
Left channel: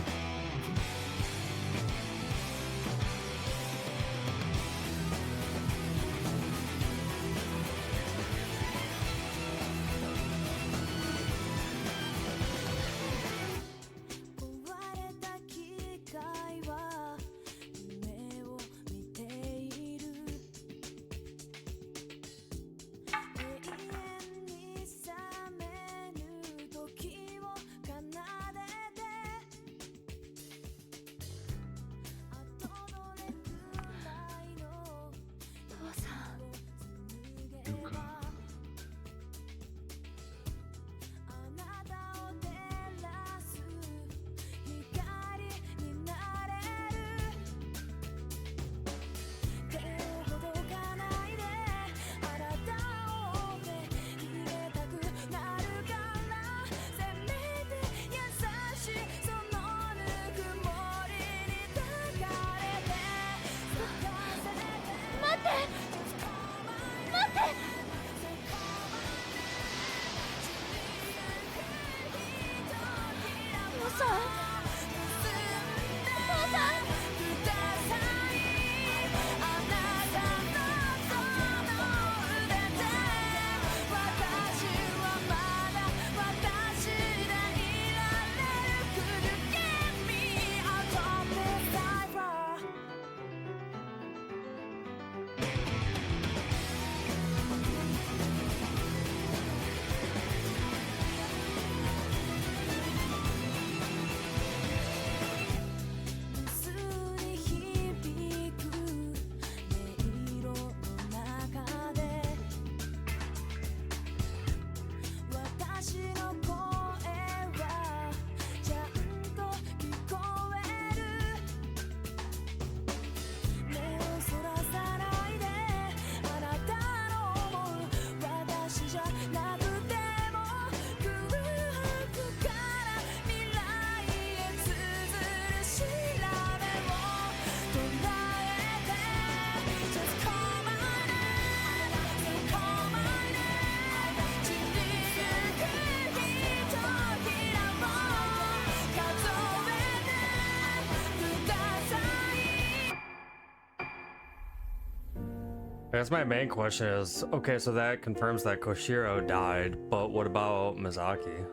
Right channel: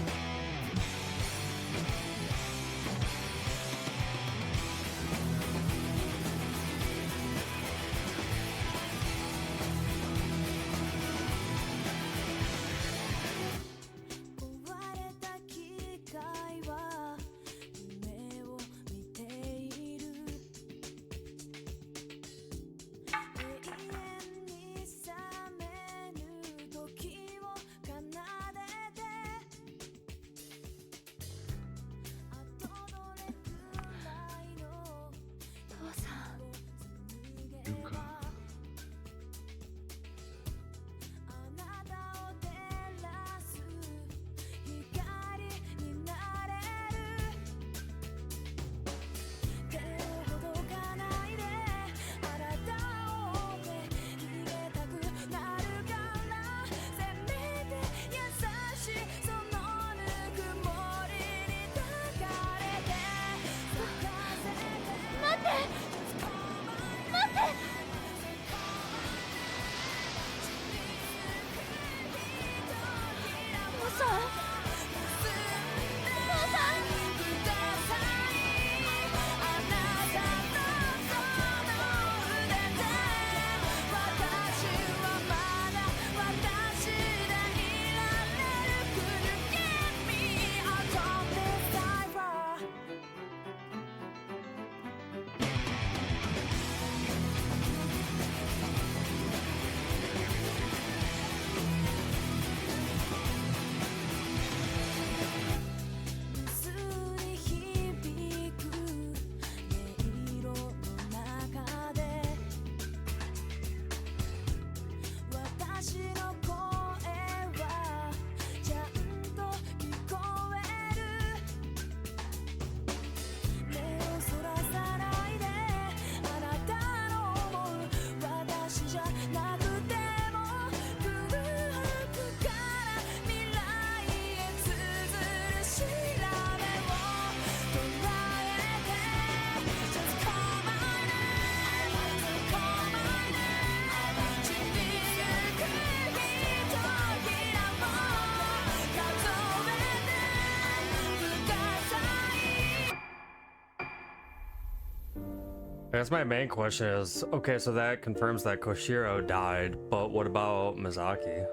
I guess my main question is, okay, so that confirms that Koshiro died, but what about Mizaki?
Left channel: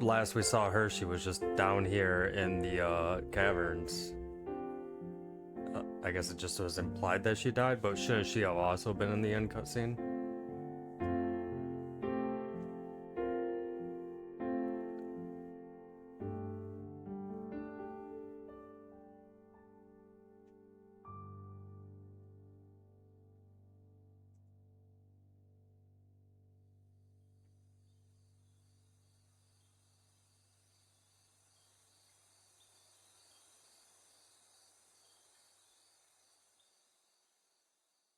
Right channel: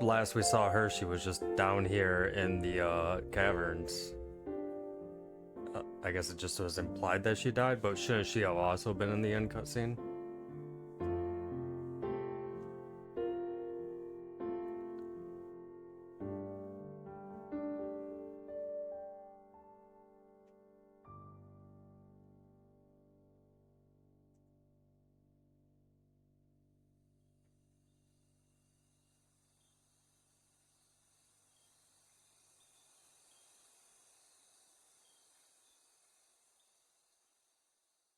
Last we saw her, she was just down here in the caverns. I guess it just was implied that she died, but shouldn't she have also been in the end cutscene?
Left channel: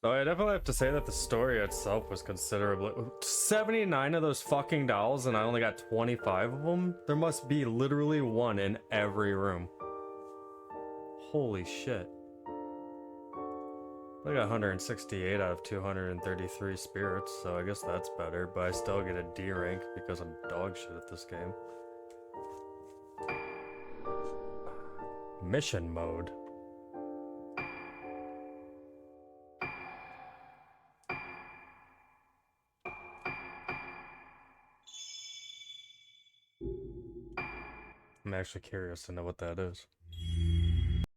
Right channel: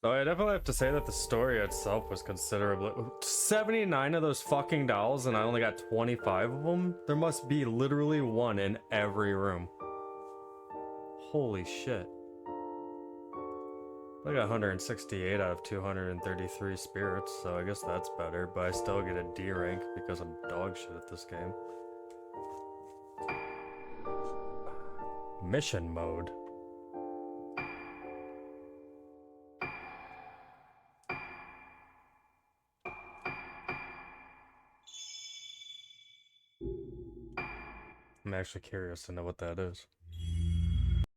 Though I definitely have to say that the story itself was considerably 79 of those fucking dolls, and I only got 25 of them. There must be literally one in every room. Holy shit. I got 168 out of 233 spirits, so I guess that's better, but I still get a D rank because I'm dog shit at this game. Mission mode. I'm actually curious to know what that is.